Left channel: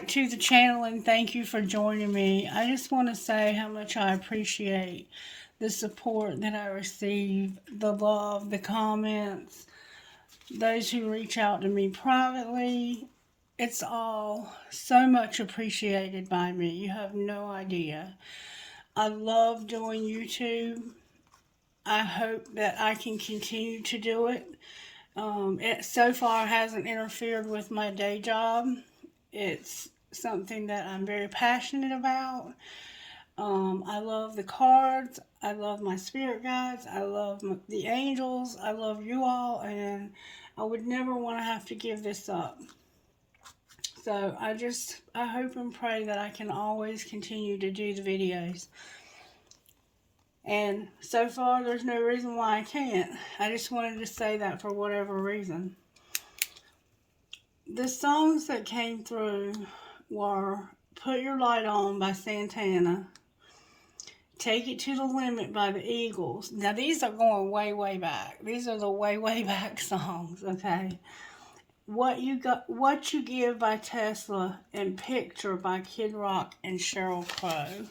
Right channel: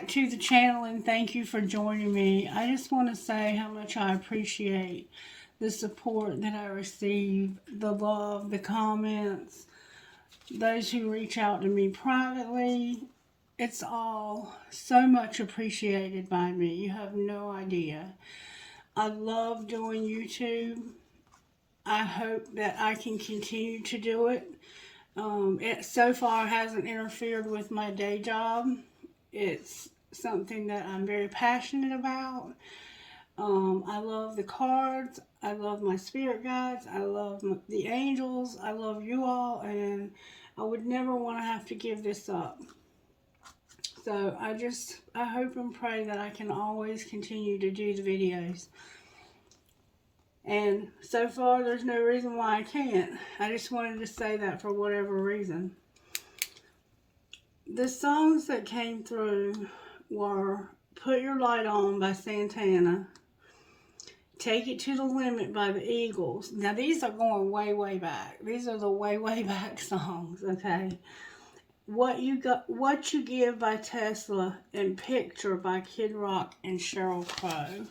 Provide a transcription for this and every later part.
back to the channel and thank you for joining me. I just want to say how much I appreciate the support that I receive, the love, the comments, those who reach out to me privately. It's all so much appreciated by me. You have no idea. I love doing YouTube. I hope that I can continue to do it. It so far hasn't interfered with my day job. It's something that I'm very passionate about. I love the cards. I love my spirit guides. I love the angels. I love you all, and I would never want to have to give this up. So I hope and pray that I can always continue to do the videos. And so far, there's no reason why I can't. I just wanted to say that for whatever reason. The songs that came through were Put Your Light On by Santana, Take It to the Limit by the Eagles. Now, these are going way, way back. These are the way, way back songs, okay? What You Give by Tesla, and Picture by Kid Rock and Sheryl Crow.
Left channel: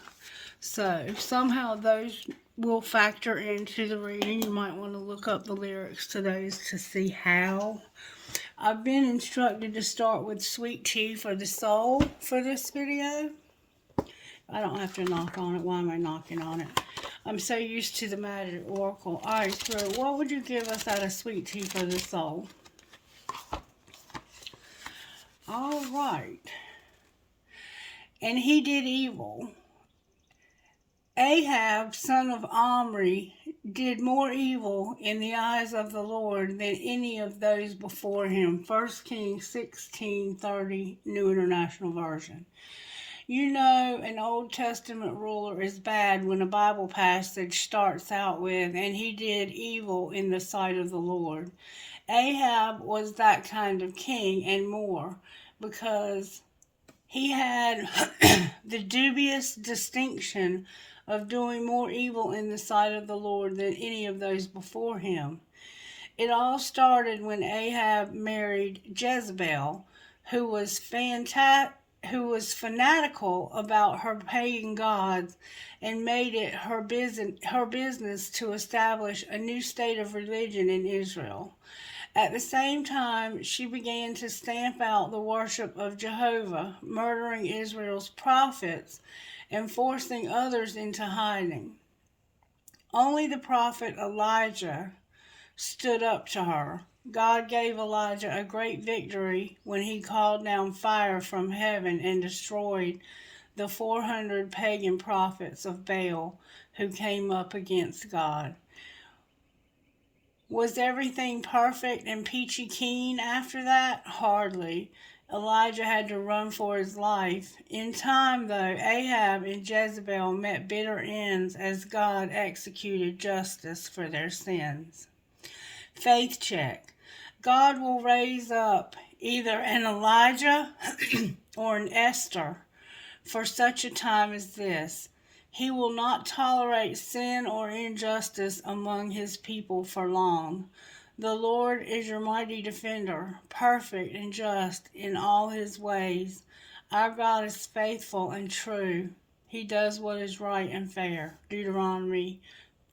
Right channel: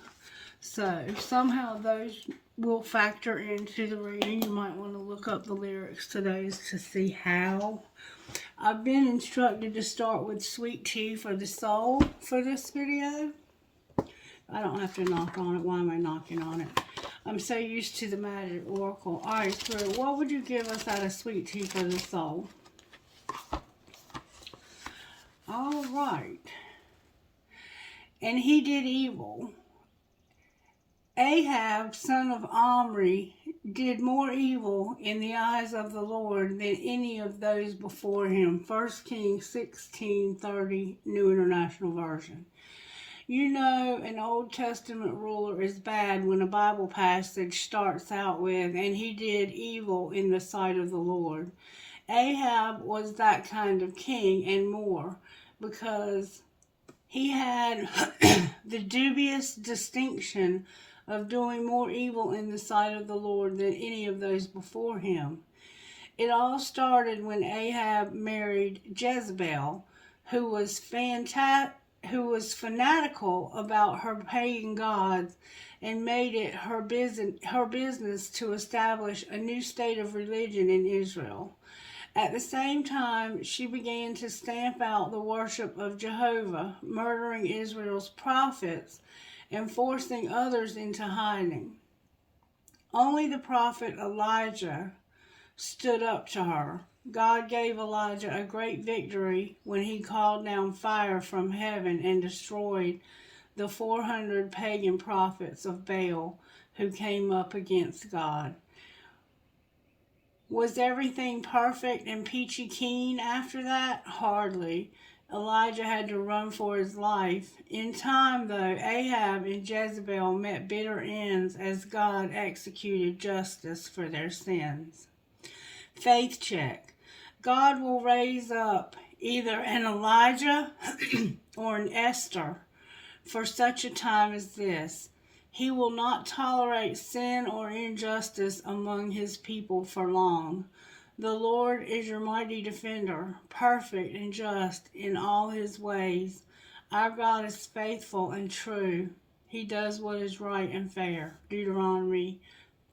So, somehow those will factor into the reading. You might want to look up the lyrics to those to see how. I've been instructed to start with Sweet Tea for the Soul for this video. I don't have to knock on it. Why am I knocking on it? I'm so used to the Magic Oracle. Alright, Spirit, what would you give us out of Sweet Tea for the Soul? Alright. And he did evil. Ahab, son of Omri, did more evil in the eyes of the Lord than any of those before him. 1 Kings 16:30, New International Version. You know an Old Testament ruler is bad when a Bible passage starts out with, and he did evil in the sight of the Lord. Ahab was that kind of king and more, because he had the dubious distinction of doing more evil in the sight of the Lord than any of those before him. It all started when Ahab married Jezebel, who was fanatical about her pagan gods, and made it her business to establish a new state of religion in Israel. At the same time, she began to stamp out the worship of Jehovah, murdering Israel's prophets and forcing others into hiding. Only the prophet Elijah stood up to her. God gave Elijah a great victory when he called down fire from heaven and destroyed the 400 pagan prophets of Baal who came up against God. Was everything perfect and peachy keen after that? Hardly. Elijah had to run for his life. In time, though, Ahab and Jezebel met bitter ends as God executed justice for their sins. Faith check. God will raise up either an Elijah or an Esther for such a time as this. He will not tolerate sin or injustice among his people for long. The Lord is your mighty defender, perfect and just in all his ways. Our God is faithful and true. He does what is right and fair. Deuteronomy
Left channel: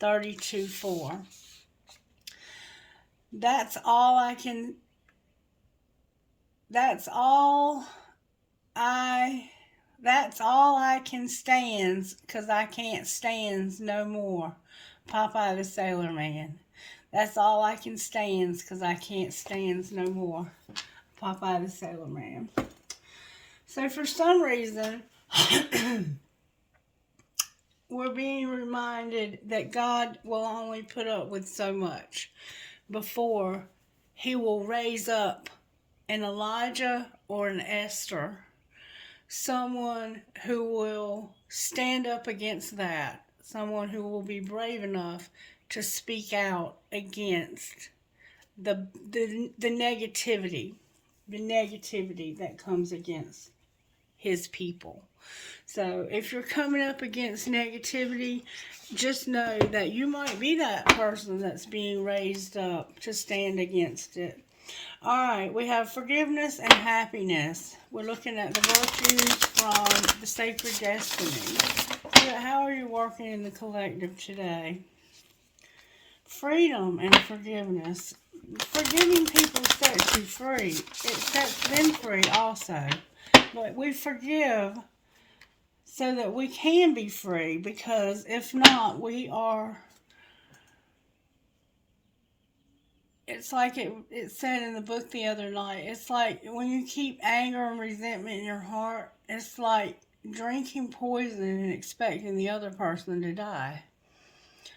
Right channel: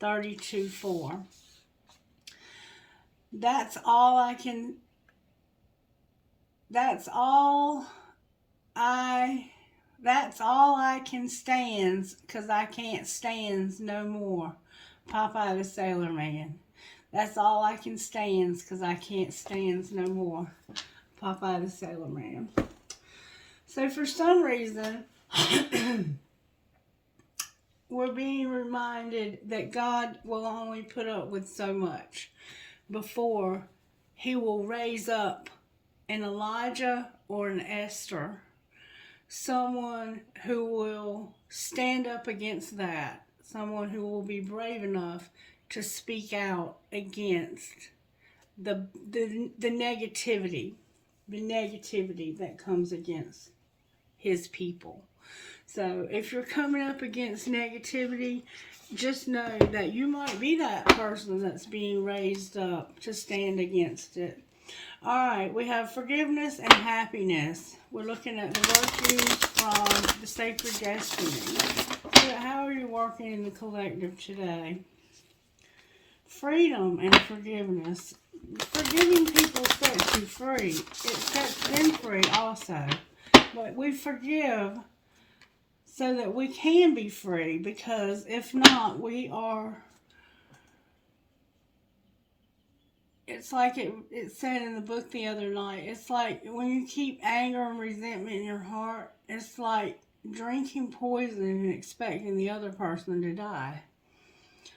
32:4. That's all I can stands, 'cause I can't stands no more. Popeye the Sailor Man. That's all I can stands, 'cause I can't stands no more. Popeye the Sailor Man. So for some reason, we're being reminded that God will only put up with so much before he will raise up an Elijah or an Esther, someone who will stand up against that, someone who will be brave enough to speak out against the negativity that comes against his people. So if you're coming up against negativity, just know that you might be that person that's being raised up to stand against it. All right, we have forgiveness and happiness. We're looking at the virtues from the sacred destiny. So how are you working in the collective today? Freedom and forgiveness. Forgiving people sets you free. It sets them free also. But we forgive so that we can be free, because if not, we are. It's like it said in the book the other night. It's like when you keep anger and resentment in your heart, it's like drinking poison and expecting the other person to die.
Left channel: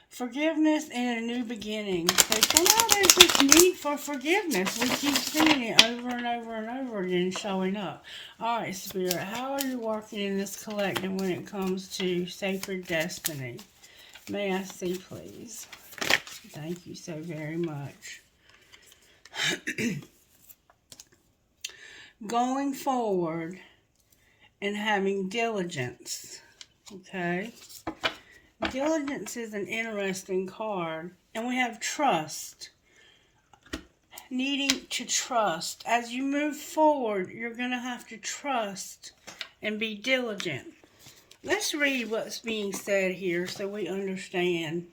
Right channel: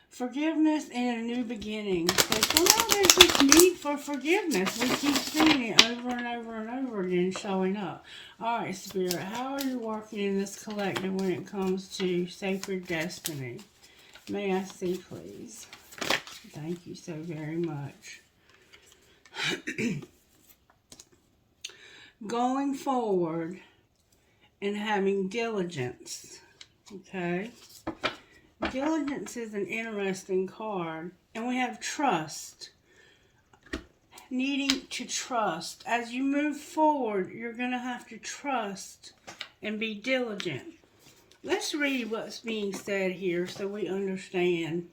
Forgiveness and a new beginning. So somehow there's this need for forgiveness. We keep seeing it over and over and over again showing up. All right, Spirit, how are you working in this collective when it comes to sacred destiny? May I see, please? Thank you so very much. Going forward and having diligence. Okay? Diligence is an interesting card. And we have trust. Needing to trust. As you move forward, you're going to have to trust and be diligent. Let's read what's being said here so we understand.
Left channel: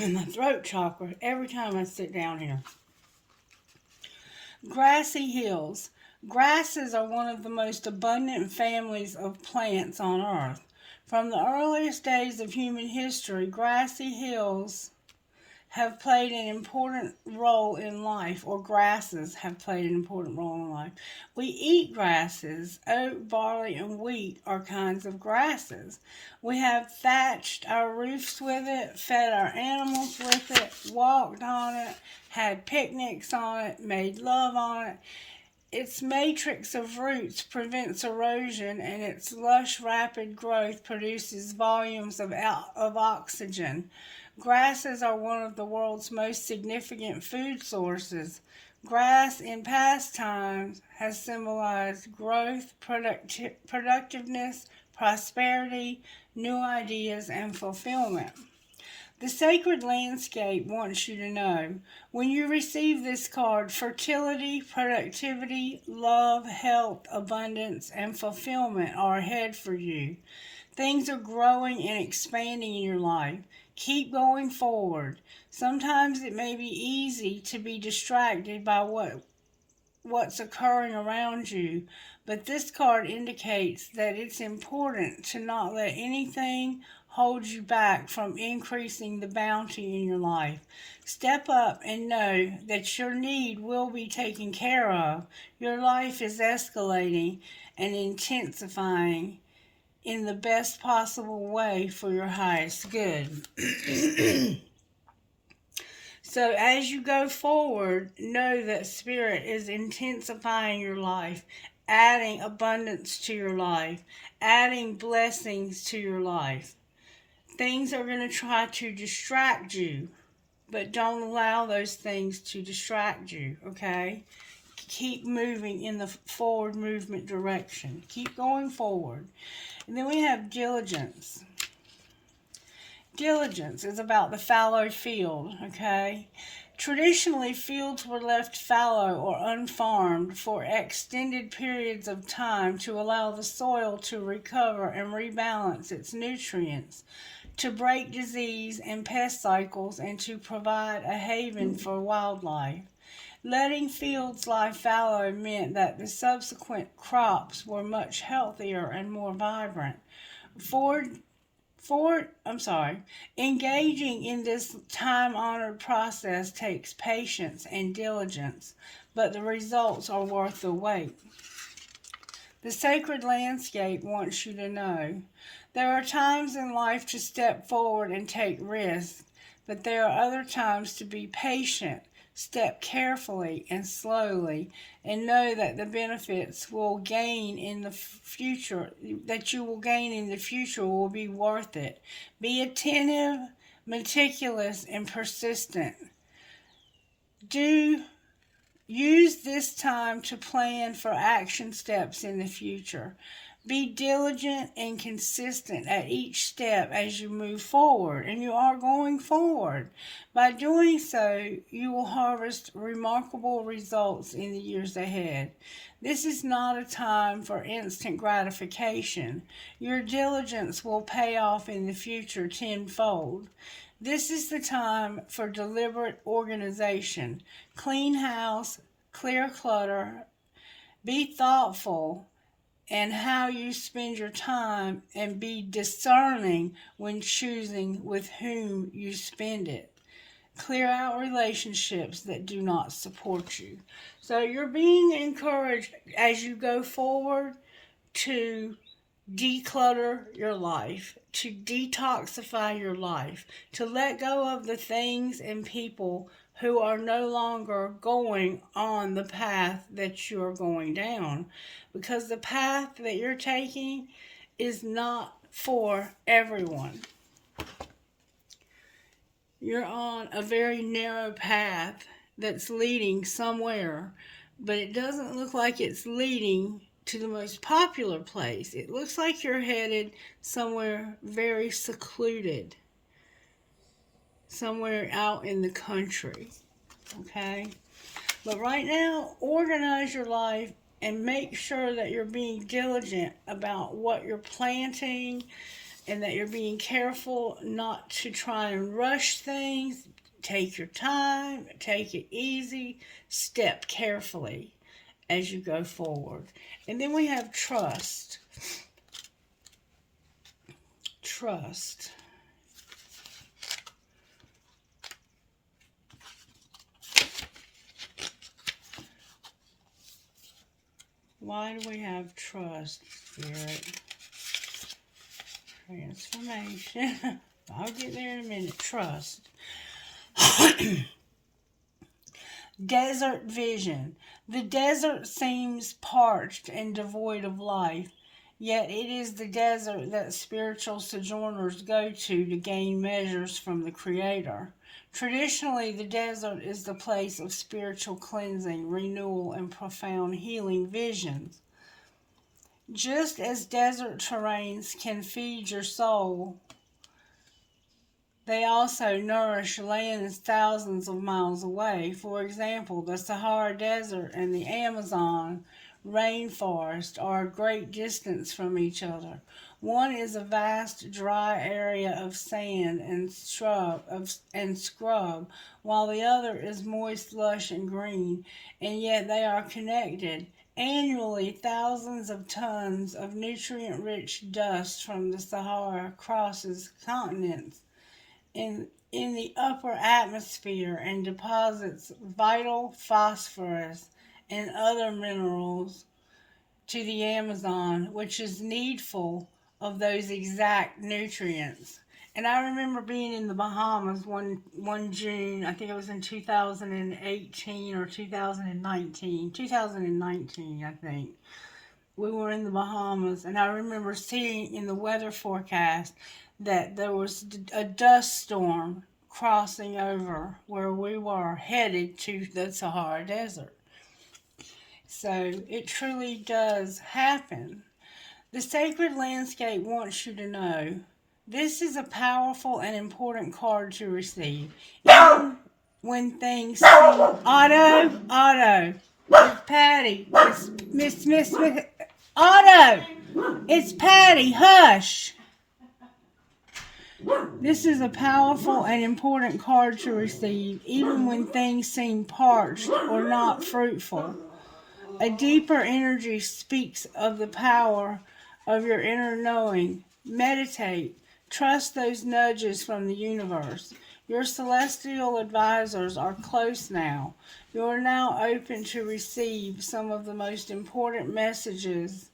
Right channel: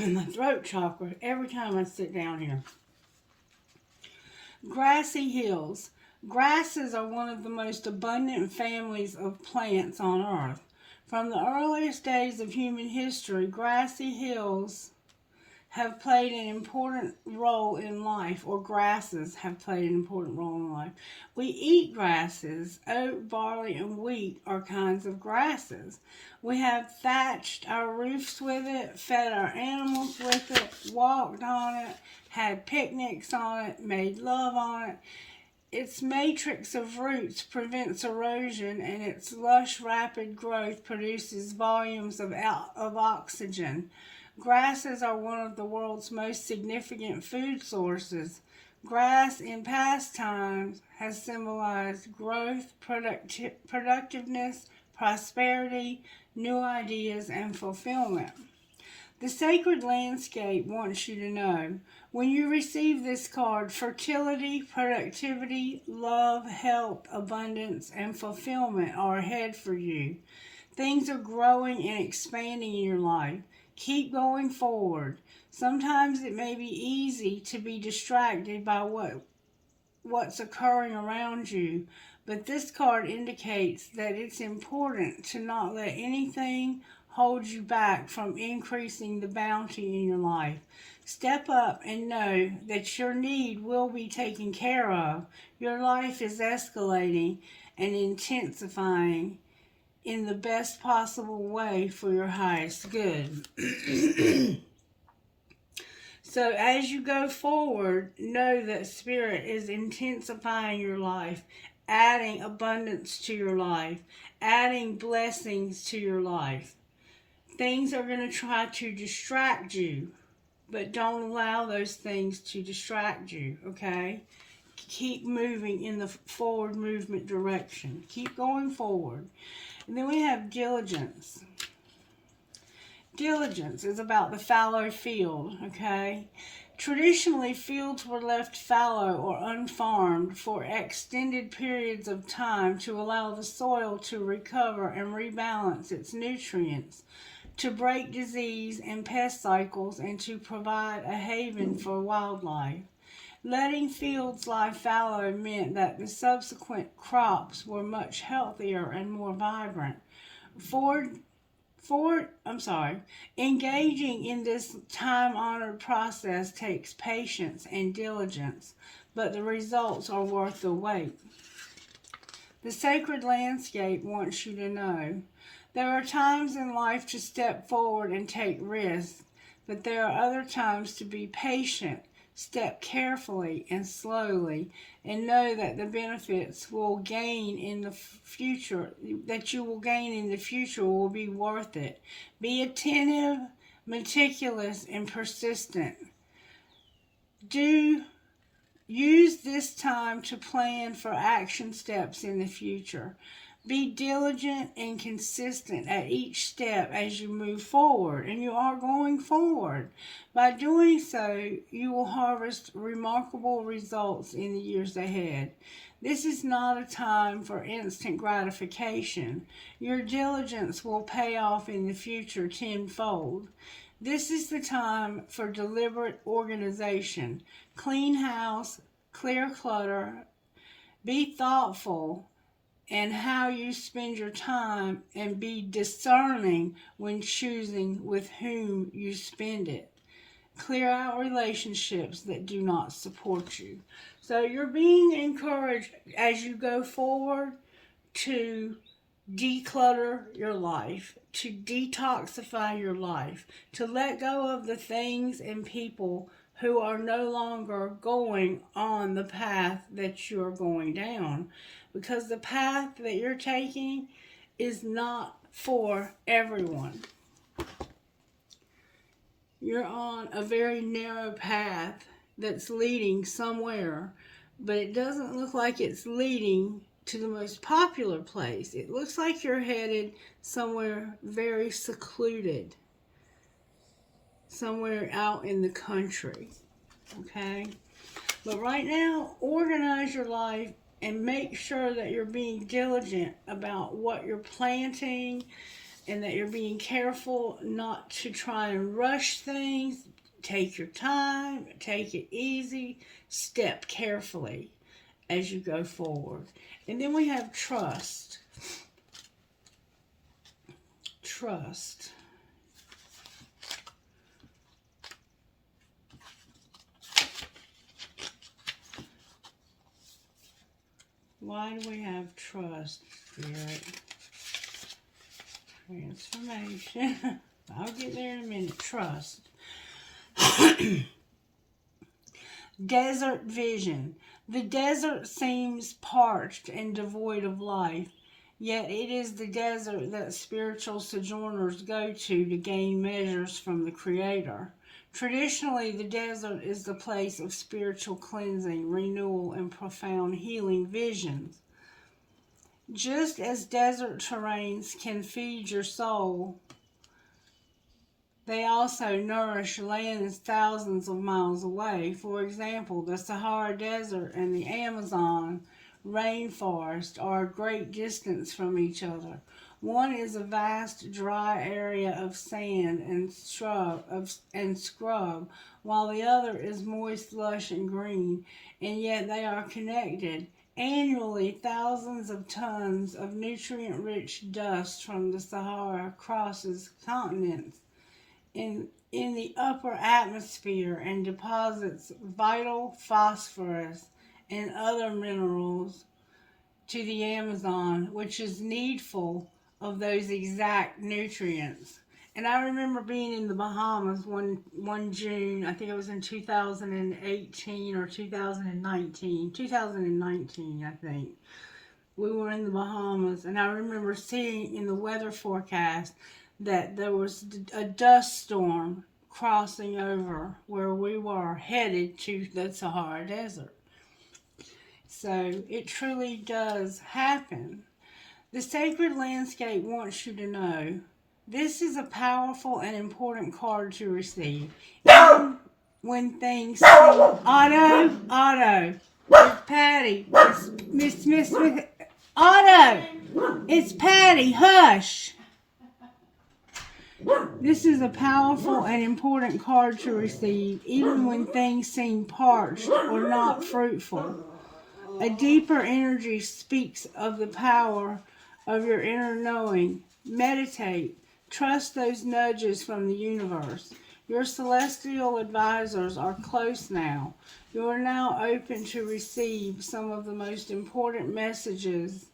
My throat chakra every time I sit down here. Grassy hills. Grasses are one of the most abundant families of plants on Earth. From the earliest days of human history, grassy hills have played an important role in life, or grasses have played an important role in life. We eat grasses. Oat, barley, and wheat are kinds of grasses. We have thatched our roofs with it, fed our animals with it, walked on it, had picnics on it, made love on it. Its matrix of roots prevents erosion, and its lush, rapid growth produces volumes of oxygen. Grasses are one of the world's most significant food sources. Grass in past times has symbolized growth, productiveness, prosperity, new ideas, and fulfillment. The sacred landscape wants you to know, when you receive this card, fertility, productivity, love, health, abundance, and fulfillment are ahead for you. Things are growing and expanding in your life. Keep going forward. Sometimes it may be easy to be distracted by what's occurring around you, but this card indicates that it's important to not let anything hold you back from increasing the bounty in your life. Step up and know that your need will be taken care of. Your life is escalating and intensifying in the best possible way for your highest good. So as you go forward, know that Spirit is intensifying your life, adding abundance to your life, adding blessings to your life. Things are going to try to distract you, but don't allow those things to distract you, okay? Keep moving in the forward movement direction. Keep going forward. And then we have diligence. Diligence is about the fallow field, okay? Traditionally, fields were left fallow or unfarmed for extended periods of time to allow the soil to recover and rebalance its nutrients, to break disease and pest cycles, and to provide a haven for wildlife. Letting fields lie fallow meant that the subsequent crops were much healthier and more vibrant. Engaging in this time-honored process takes patience and diligence, but the results are worth the wait. The sacred landscape wants you to know there are times in life to step forward and take risks, but there are other times to be patient, step carefully and slowly, and know that the benefits will gain in the future, that you will gain in the future will be worth it. Be attentive, meticulous, and persistent. Use this time to plan for action steps in the future. Be diligent and consistent at each step as you move forward, and you are going forward. By doing so, you will harvest remarkable results in the years ahead. This is not a time for instant gratification. Your diligence will pay off in the future tenfold. This is the time for deliberate organization. Clean house, clear clutter, be thoughtful and how you spend your time, and be discerning when choosing with whom you spend it. Clear out relationships that do not support you. So you're being encouraged as you go forward to declutter your life, to detoxify your life, to let go of the things and people who are no longer going on the path that you're going down. Because the path that you're taking is not for everyone. You're on a very narrow path that's leading somewhere, but it doesn't look like it's leading to the most popular place. It looks like you're headed somewhere very secluded, somewhere out in the country, okay? But right now, organize your life and make sure that you're being diligent about what you're planting, and that you're being careful not to try and rush things. Take your time, take it easy, step carefully as you go forward. And then we have trust. Trust. Why do we have trust, Spirit? Transformation. I'll get there in a minute. Trust. Desert vision. The desert seems parched and devoid of life, yet it is the desert that spiritual sojourners go to gain measures from the Creator. Traditionally, the desert is the place of spiritual cleansing, renewal, and profound healing visions. Just as desert terrains can feed your soul, they also nourish lands thousands of miles away. For example, the Sahara Desert and the Amazon rainforest are a great distance from each other. One is a vast dry area of sand and scrub, while the other is moist, lush, and green, and yet they are connected. Annually, thousands of tons of nutrient-rich dust from the Sahara crosses continents in the upper atmosphere and deposits vital phosphorus and other minerals to the Amazon, which is needful of those exact nutrients. And I remember being in the Bahamas one June, I think it was in 2018 or 2019, I think. We were in the Bahamas, and I remember seeing in the weather forecast that there was a dust storm crossing over where we were headed to the Sahara Desert. So it truly does happen. The sacred landscape wants you to know this is a powerful and important card to receive. Even when things seem... Otto, it's Patty, it's Miss, Otto, it's Patty, hush. This is a powerful and important card to receive, even when things seem parched or not fruitful. A deeper energy speaks of the power of your inner knowing. Meditate. Trust those nudges from the universe. Your celestial advisors are close now. You are now open to receive some of the most important messages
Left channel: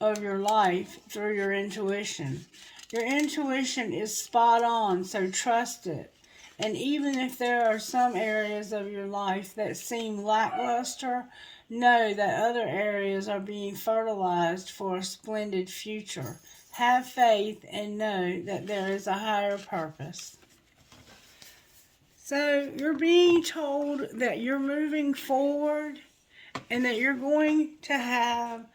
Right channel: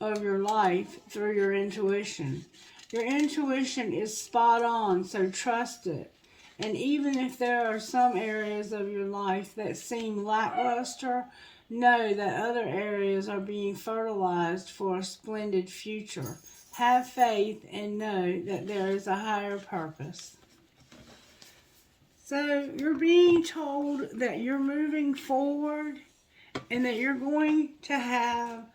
of your life through your intuition. Your intuition is spot on, so trust it. And even if there are some areas of your life that seem lackluster, know that other areas are being fertilized for a splendid future. Have faith and know that there is a higher purpose. So you're being told that you're moving forward and that you're going to have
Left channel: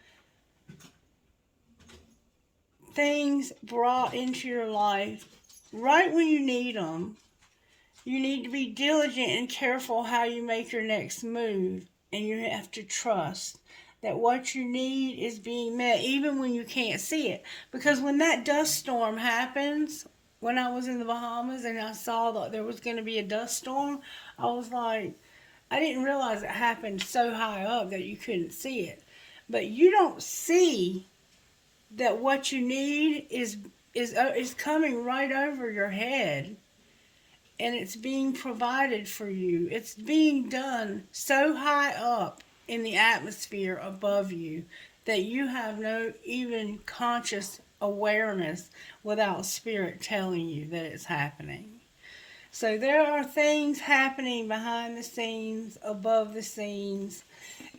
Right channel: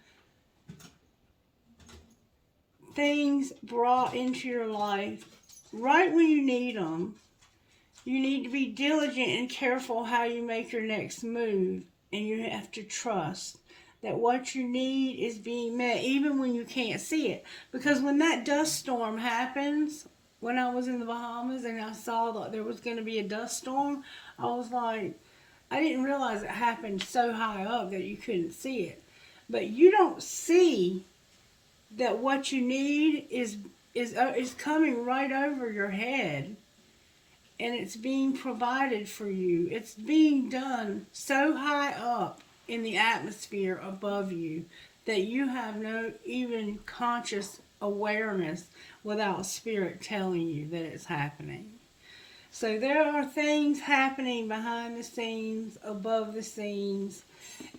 things brought into your life right when you need them. You need to be diligent and careful how you make your next move, and you have to trust that what you need is being met even when you can't see it. Because when that dust storm happens, when I was in the Bahamas and I saw that there was going to be a dust storm, I was like, I didn't realize it happened so high up that you couldn't see it. But you don't see that what you need is coming right over your head, and it's being provided for you. It's being done so high up in the atmosphere above you that you have no even conscious awareness without spirit telling you that it's happening. So there are things happening behind the scenes, above the scenes,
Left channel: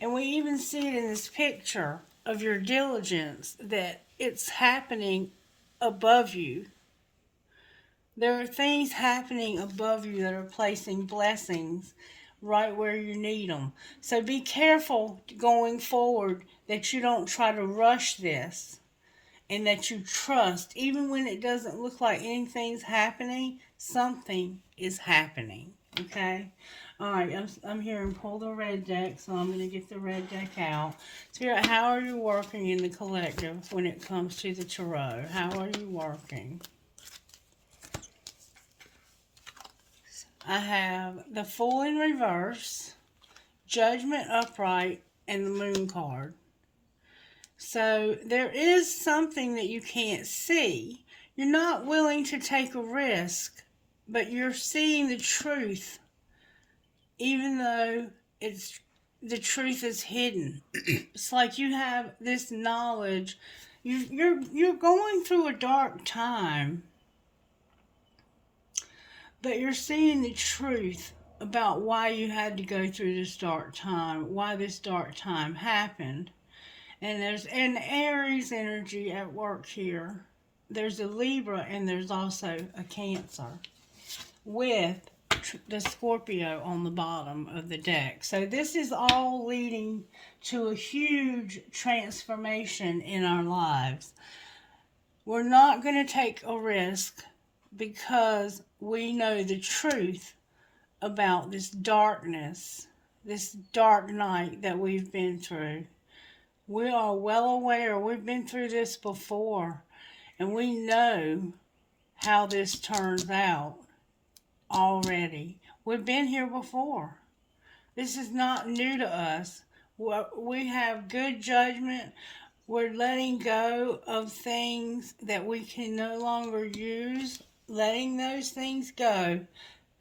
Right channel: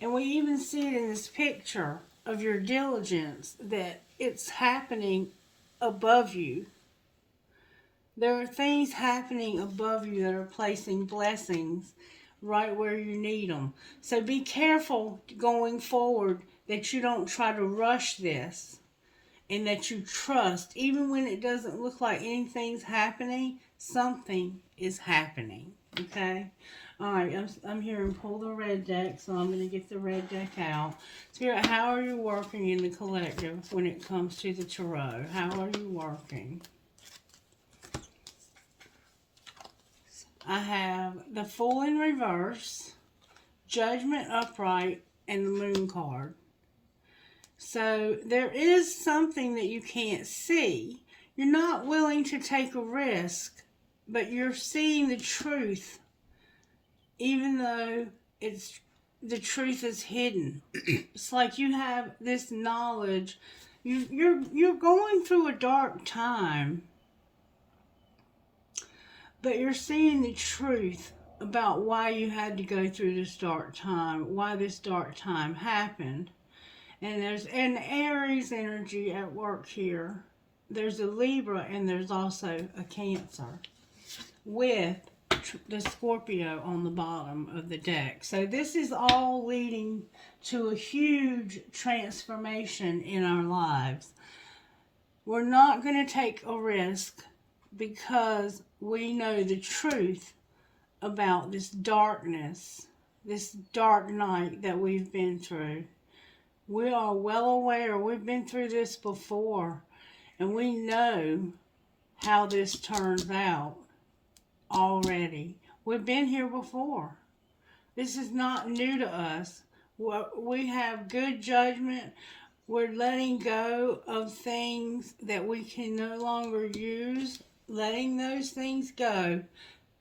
and we even see it in this picture of your diligence that it's happening above you. There are things happening above you that are placing blessings right where you need them. So be careful going forward that you don't try to rush this, and that you trust, even when it doesn't look like anything's happening, something is happening. Okay? Alright, I'm hearing pull the red deck, so I'm going to get the red deck out. Spirit, how are you working in the collective when it comes to the tarot? How are you working? I have the Fool in reverse, Judgment upright, and the Moon card. So there is something that you can't see. You're not willing to take a risk, but you're seeing the truth, even though the truth is hidden. It's like you have this knowledge. You're going through a dark time, but you're seeing the truth about why you had to go through this dark time, why this dark time happened. And there's an Aries energy at work here. There's a Libra, and there's also a Cancer with the Scorpio on the bottom of the deck. So this is all leading to a huge transformation in our lives. We're not going to take a risk because we know the truth about this darkness, this dark night that we've been through. We are well aware. We've been through this before, and we know how this turns out already. We've been here before. This is not new to us. We have good judgment. We're letting go of things that we can no longer use, letting those things go.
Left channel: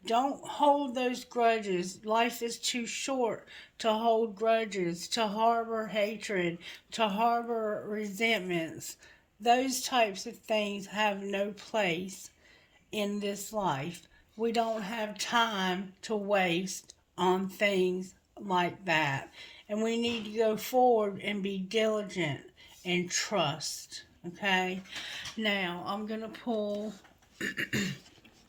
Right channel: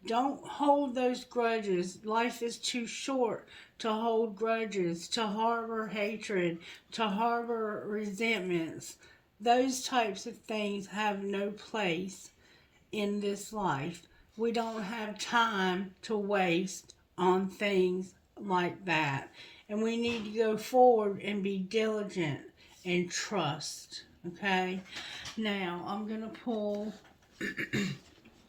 Don't hold those grudges. Life is too short to hold grudges, to harbor hatred, to harbor resentments. Those types of things have no place in this life. We don't have time to waste on things like that. And we need to go forward and be diligent and trust. Okay? Now, I'm going to pull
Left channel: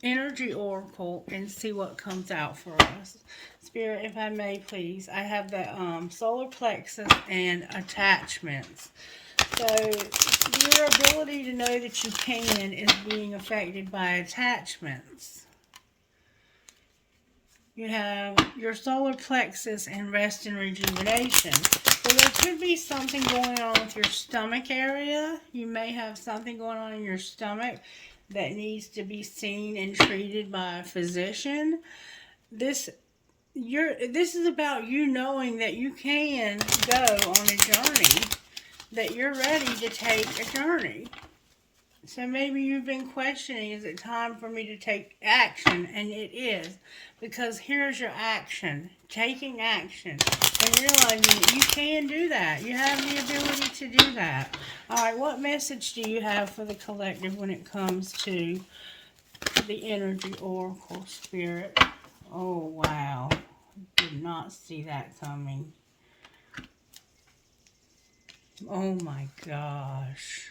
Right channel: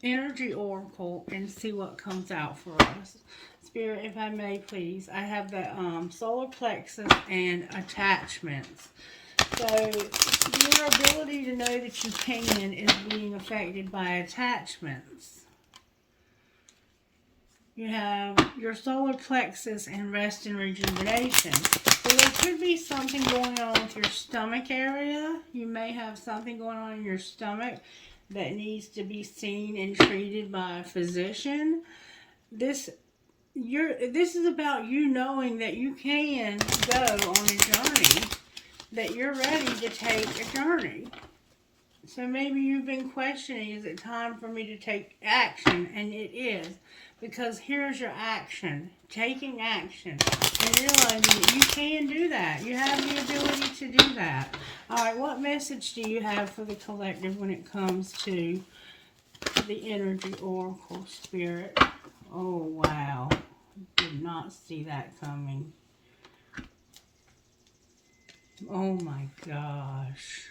Energy Oracle and see what comes out for us. Spirit, if I may, please. I have the solar plexus and attachments. So your ability to know that you can is being affected by attachments. You have your solar plexus and rest and rejuvenation. So there could be something going on with your stomach area. You may have something going on in your stomach that needs to be seen and treated by a physician. This is about you knowing that you can go on a journey, that you're ready to take a journey. So maybe you've been questioning, is it time for me to take action? And it is, because here's your action, taking action, and realizing that you can do that. You have the ability to do that. All right, what message do you have for the collective when it comes to the Energy Oracle, Spirit? Oh, wow. Did not see that coming. Oh, my gosh.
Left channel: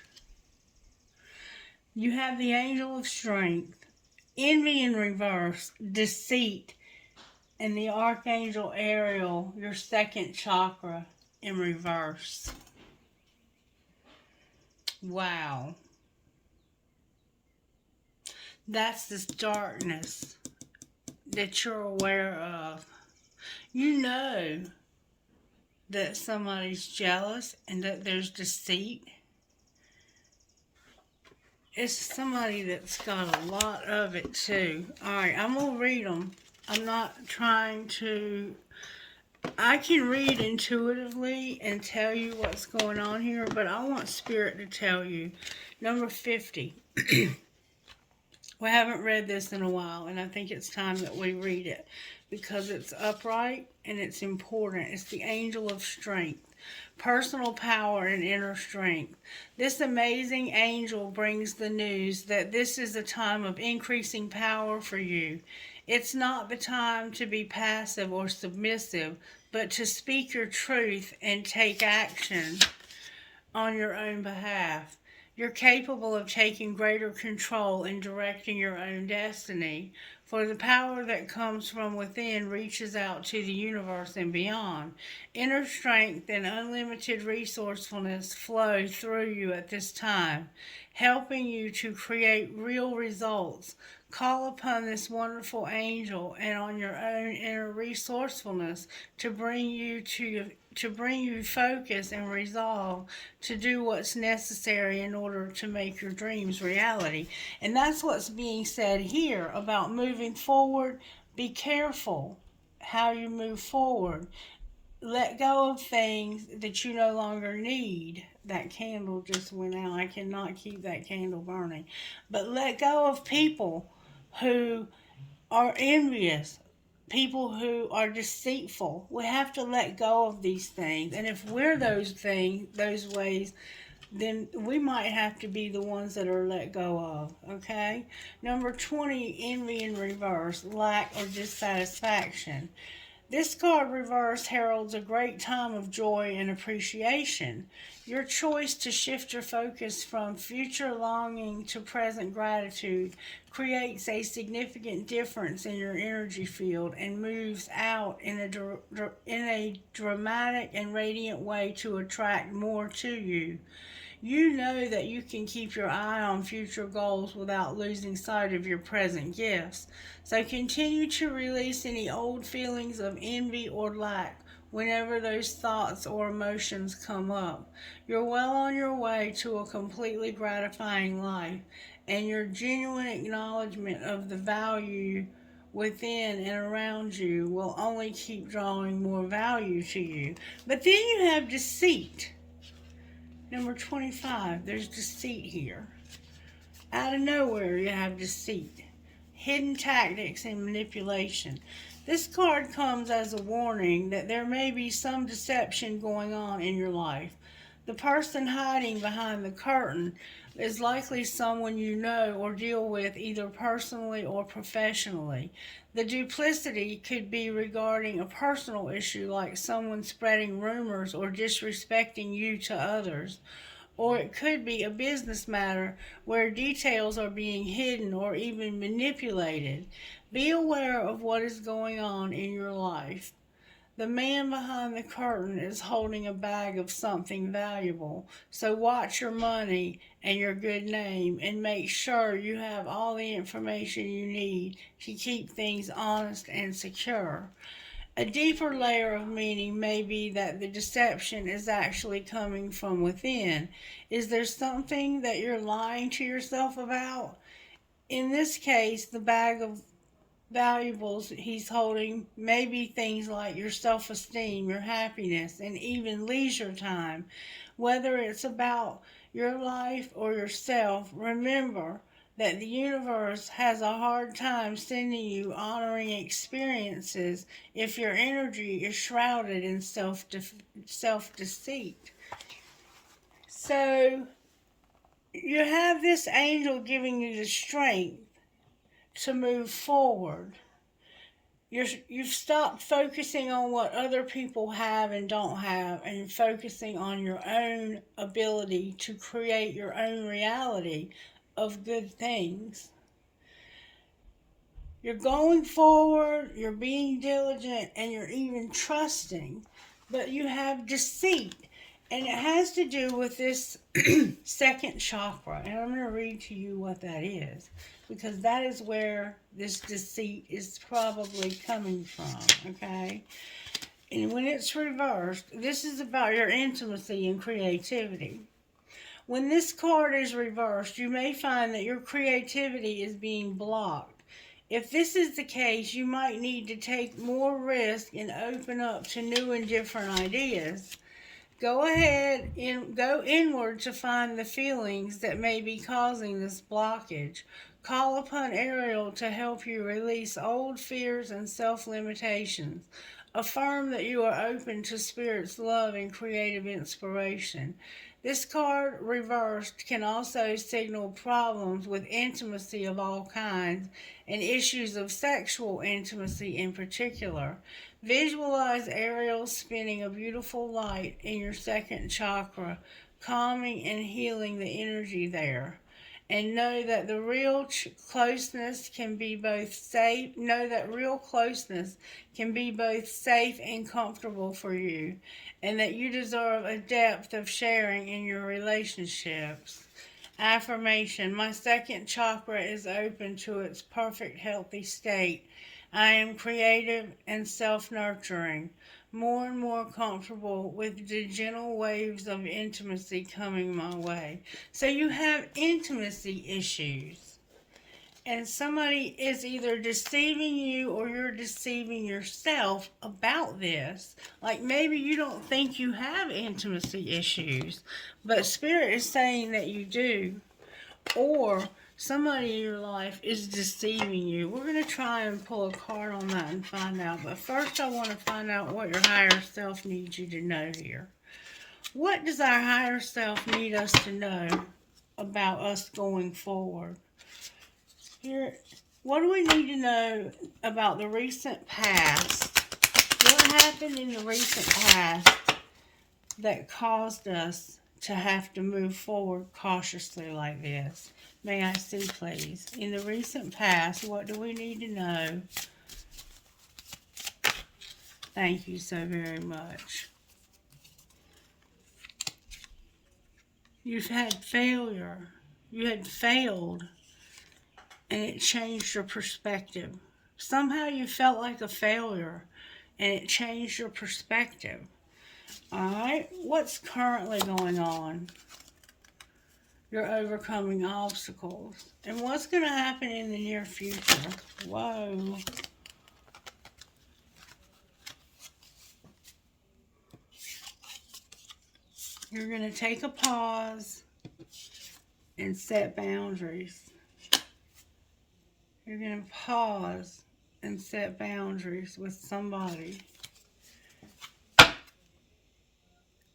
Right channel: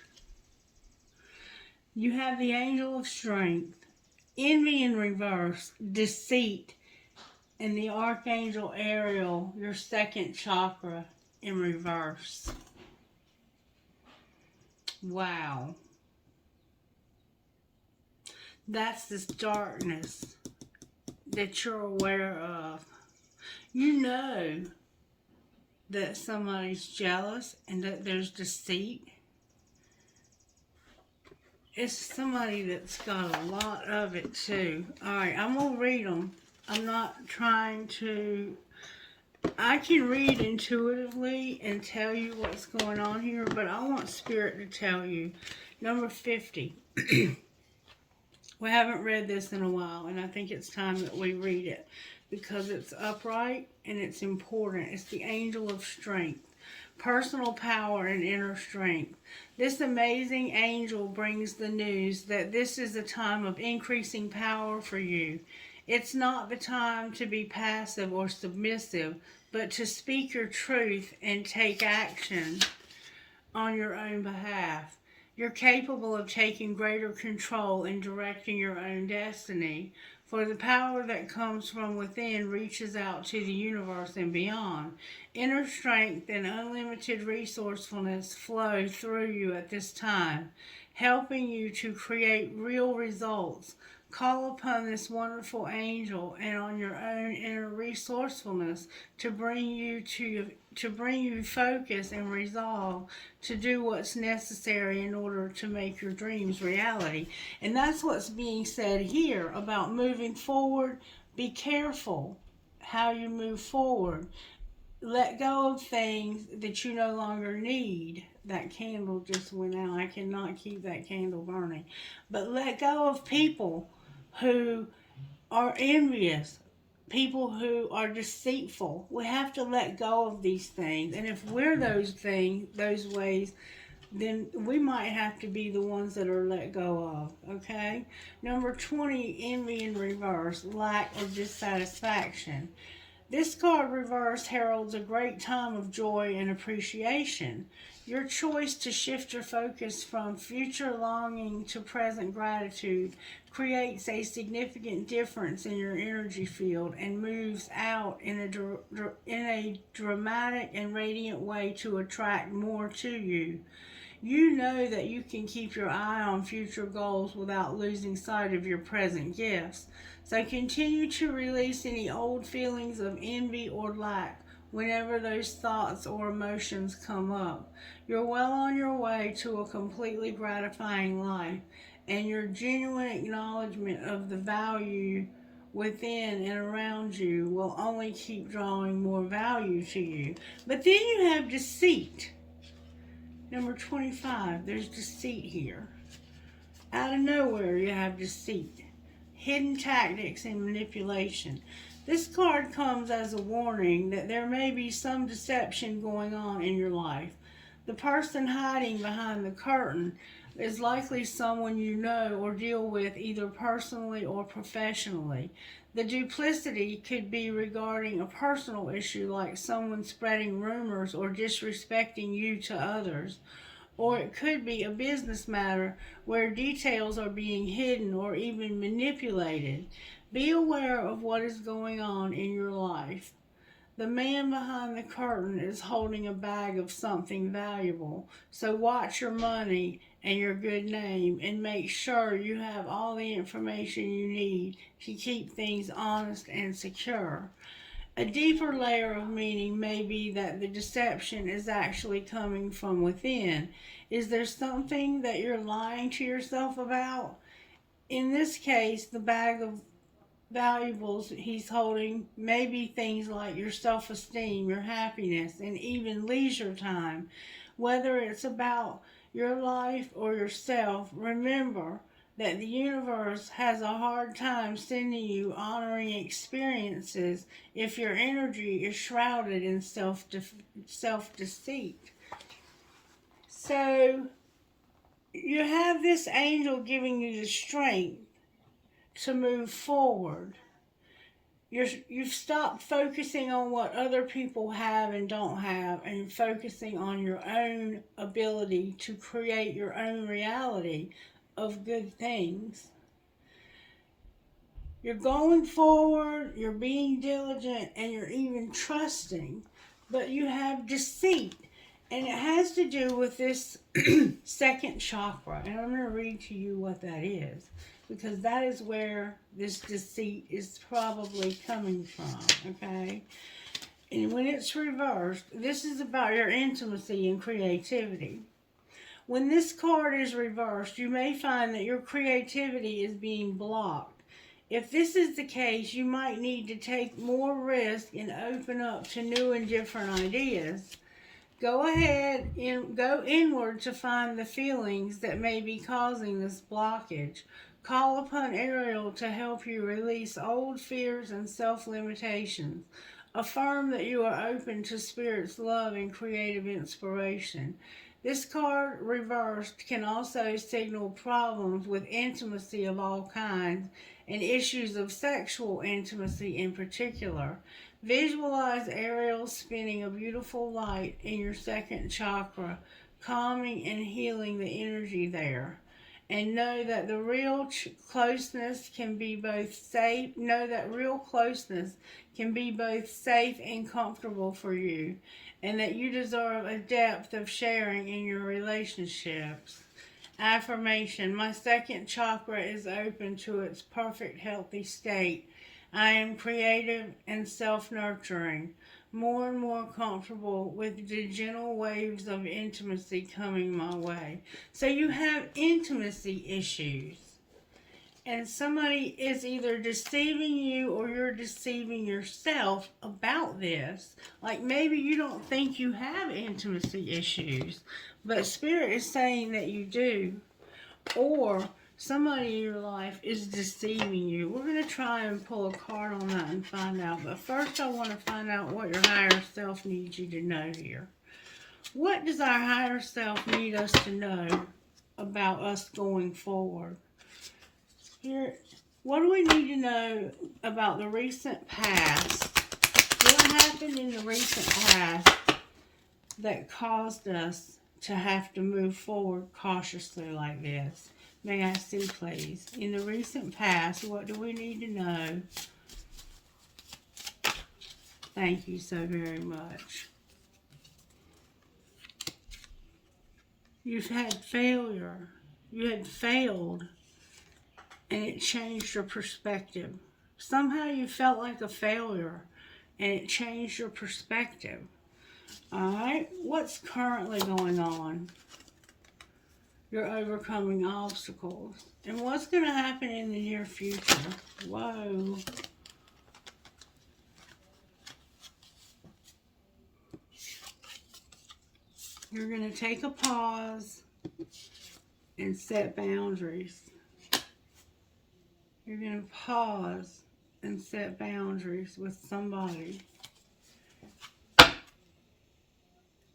You have the Angel of Strength, Envy in reverse, Deceit, and the Archangel Ariel, your second chakra, in reverse. Wow. That's this darkness that you're aware of. You know that somebody's jealous and that there's deceit. It's somebody that's got a lot of it too. Alright, I'm going to read them. I'm not trying to... I can read intuitively and tell you what's going on here, but I want Spirit to tell you. Number 50. We haven't read this in a while, and I think it's time that we read it because it's upright and it's important. It's the angel of strength, personal power, and inner strength. This amazing angel brings the news that this is a time of increasing power for you. It's not the time to be passive or submissive, but to speak your truth and take action on your own behalf. You're capable of taking greater control and directing your own destiny, for the power that comes from within reaches out to the universe and beyond. Inner strength and unlimited resourcefulness flow through you at this time, helping you to create real results. Call upon this wonderful angel and on your own inner resourcefulness to bring you focus and resolve to do what's necessary in order to make your dreams reality. And that's what's being said here about moving forward. Be careful how you move forward. Let go of things that you no longer need. That candle just went out. I cannot keep that candle burning. But let go of people who are envious, people who are deceitful. We have to let go of these things. And if we're those things, those ways, then we might have to be the ones that are let go of, okay? Number 20, envy in reverse, lack or dissatisfaction. This card reverse heralds a great time of joy and appreciation. Your choice to shift your focus from future longing to present gratitude creates a significant difference in your energy field and moves out in a dramatic and radiant way to attract more to you. You know that you can keep your eye on future goals without losing sight of your present gifts. So continue to release any old feelings of envy or lack whenever those thoughts or emotions come up. You're well on your way to a completely gratifying life, and your genuine acknowledgement of the value within and around you will only keep drawing more value to you. But then you have deceit. Number 25, there's deceit here. Out of nowhere, you have deceit. Hidden tactics and manipulation. This card comes as a warning that there may be some deception going on in your life. The person hiding behind the curtain is likely someone you know or deal with either personally or professionally. The duplicity could be regarding a personal issue like someone spreading rumors or disrespecting you to others. Or it could be a business matter where details are being hidden or even manipulated. Be aware of what is going on in your life. The man behind the curtain is holding a bag of something valuable, so watch your money and your good name and make sure you have all the information you need to keep things honest and secure. A deeper layer of meaning may be that the deception is actually coming from within. Is there something that you're lying to yourself about? In this case, the bag of valuables he's holding may be things like your self-esteem, your happiness, and even leisure time. Whether it's about your life or yourself, remember that the universe has a hard time sending you honoring experiences if your energy is shrouded in self-deceit. So you have this angel giving you the strength to move forward. You've stopped focusing on what other people have and don't have and focusing on your own ability to create your own reality of good things. You're going forward, you're being diligent, and you're even trusting, but you have deceit. And it has to do with this second chakra. And I'm going to read to you what that is. because that is where this deceit is probably coming from, okay? And when it's reversed, this is about your intimacy and creativity. When this card is reversed, you may find that your creativity is being blocked. If this is the case, you might need to take more risk and open up to new and different ideas. Go ahead and go inward to find the feelings that may be causing this blockage. Call upon Ariel to help you release old fears and self-limitations. Affirm that you are open to Spirit's love and creative inspiration. This card reversed can also signal problems with intimacy of all kinds and issues of sexual intimacy in particular. Visualize Ariel spinning a beautiful light in your second chakra, calming and healing the energy there. And know that the real closeness can be both safe. Know that real closeness can be both safe and comfortable for you, and that you deserve a depth of sharing in your relationships. Affirmation: my second chakra is open to its perfect healthy state. I am creative and self-nurturing, more and more comfortable with the gentle waves of intimacy coming my way. So you have intimacy issues, and somebody is either deceiving you or you're deceiving yourself about this. Like maybe you don't think you have intimacy issues, but Spirit is saying that you do. Or somebody in your life is deceiving you. We're going to try and pull a card on that and find out. But first I want to find out what your higher self needs you to know here. What does our higher self need us to know about us going forward? Here, what do we need to know about the recent past? What happened in the recent past that caused us to have to move forward cautiously like this? May I see, please? In the recent past, what do we need to know? Thank you so very much. You've had failure. You had failed, and it changed your perspective. Somehow you felt like a failure, and it changed your perspective. All right, what's currently going on? You're overcoming obstacles. And what's going to happen in the near future? Whoa. You're going to take a pause and set boundaries. You're going to pause and set boundaries with somebody.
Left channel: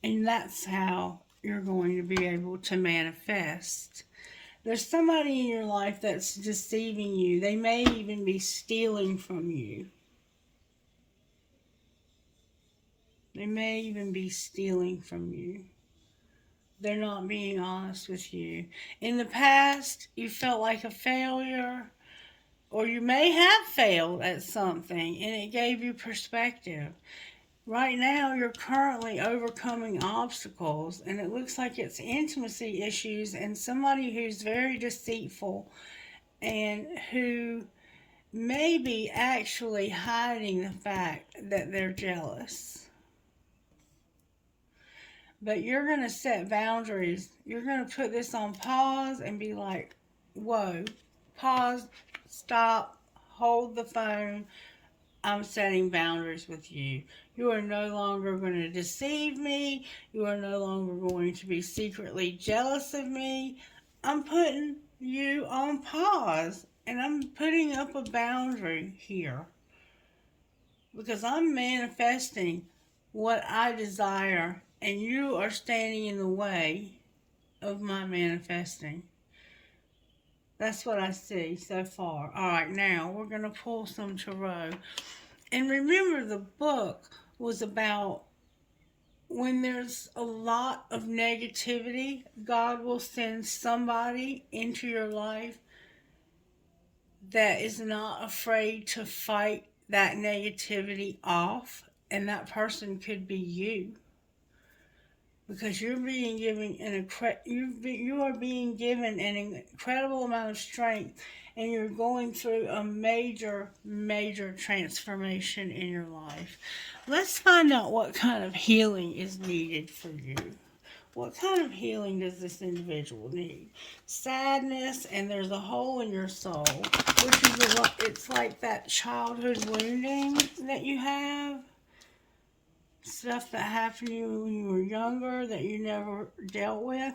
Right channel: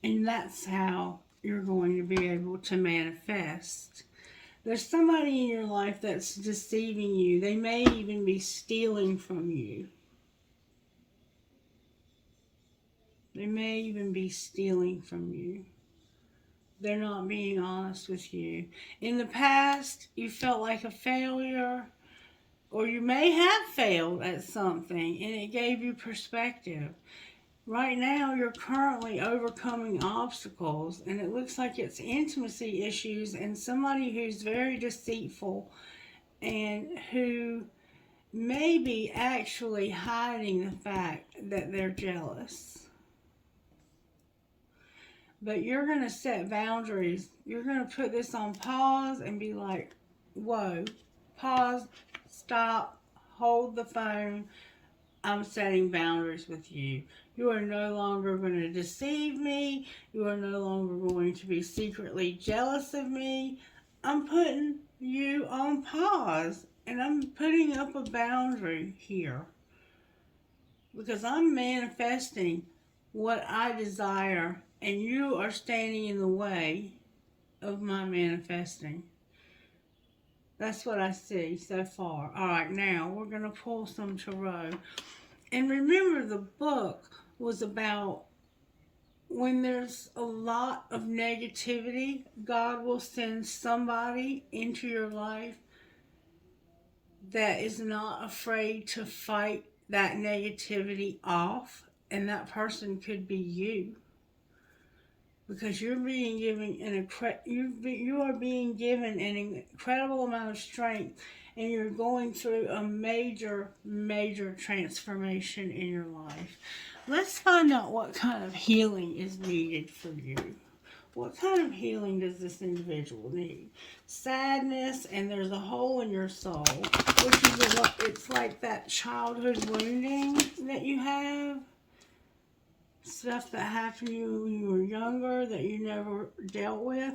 And that's how you're going to be able to manifest. There's somebody in your life that's deceiving you. They may even be stealing from you. They may even be stealing from you. They're not being honest with you. In the past, you felt like a failure, or you may have failed at something, and it gave you perspective. Right now, you're currently overcoming obstacles, and it looks like it's intimacy issues and somebody who's very deceitful and who may be actually hiding the fact that they're jealous. But you're going to set boundaries. You're going to put this on pause and be like, whoa, pause, stop, hold the phone. I'm setting boundaries with you. You are no longer going to deceive me. You are no longer going to be secretly jealous of me. I'm putting you on pause, and I'm putting up a boundary here because I'm manifesting what I desire, and you are standing in the way of my manifesting. That's what I see so far. All right, now we're going to pull some tarot. And remember, the book was about when there's a lot of negativity, God will send somebody into your life that is not afraid to fight that negativity off. And that person could be you. Because you're being given you are being given an incredible amount of strength and you're going through a major, major transformation in your life. Let's find out what kind of healing is needed for you. What kind of healing does this individual need? Sadness, and there's a hole in your soul, which is it's like that childhood wounding that you have. Stuff that happened to you when you were younger that you never dealt with.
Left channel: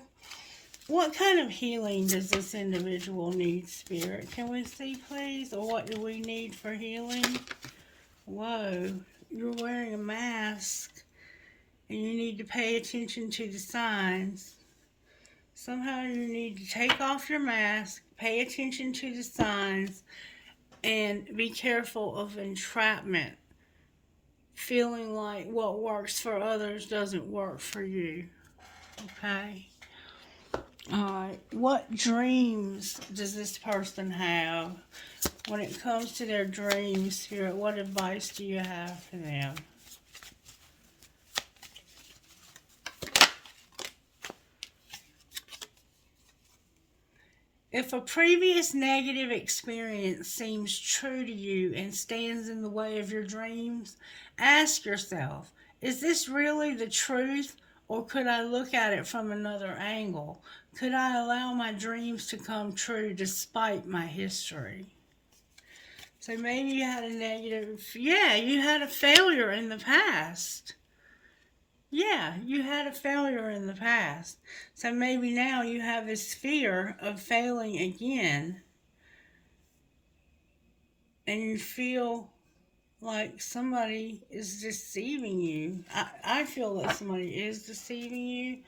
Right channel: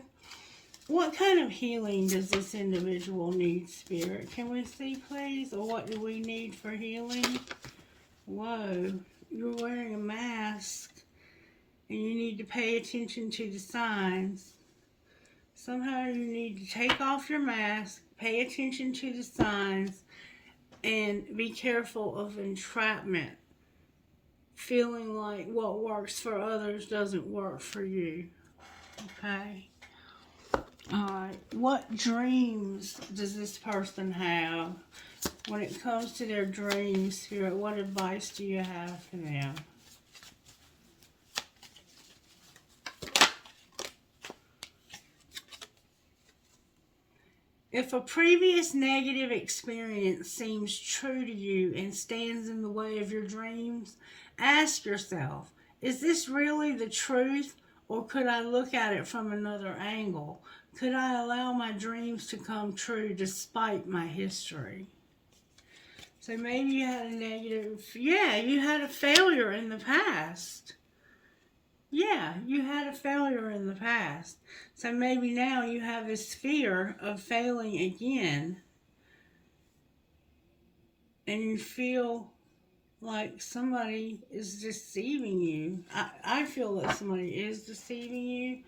What kind of healing does this individual need, Spirit? Can we see, please? Or what do we need for healing? Whoa, you're wearing a mask, and you need to pay attention to the signs. Somehow you need to take off your mask, pay attention to the signs, and be careful of entrapment. Feeling like what works for others doesn't work for you. Okay? Alright, what dreams does this person have? When it comes to their dreams here, what advice do you have for them? If a previous negative experience seems true to you and stands in the way of your dreams, ask yourself, is this really the truth, or could I look at it from another angle? Could I allow my dreams to come true despite my history? So maybe you had a negative, you had a failure in the past. Yeah, you had a failure in the past. So maybe now you have this fear of failing again. And you feel like somebody is deceiving you. I feel that somebody is deceiving you.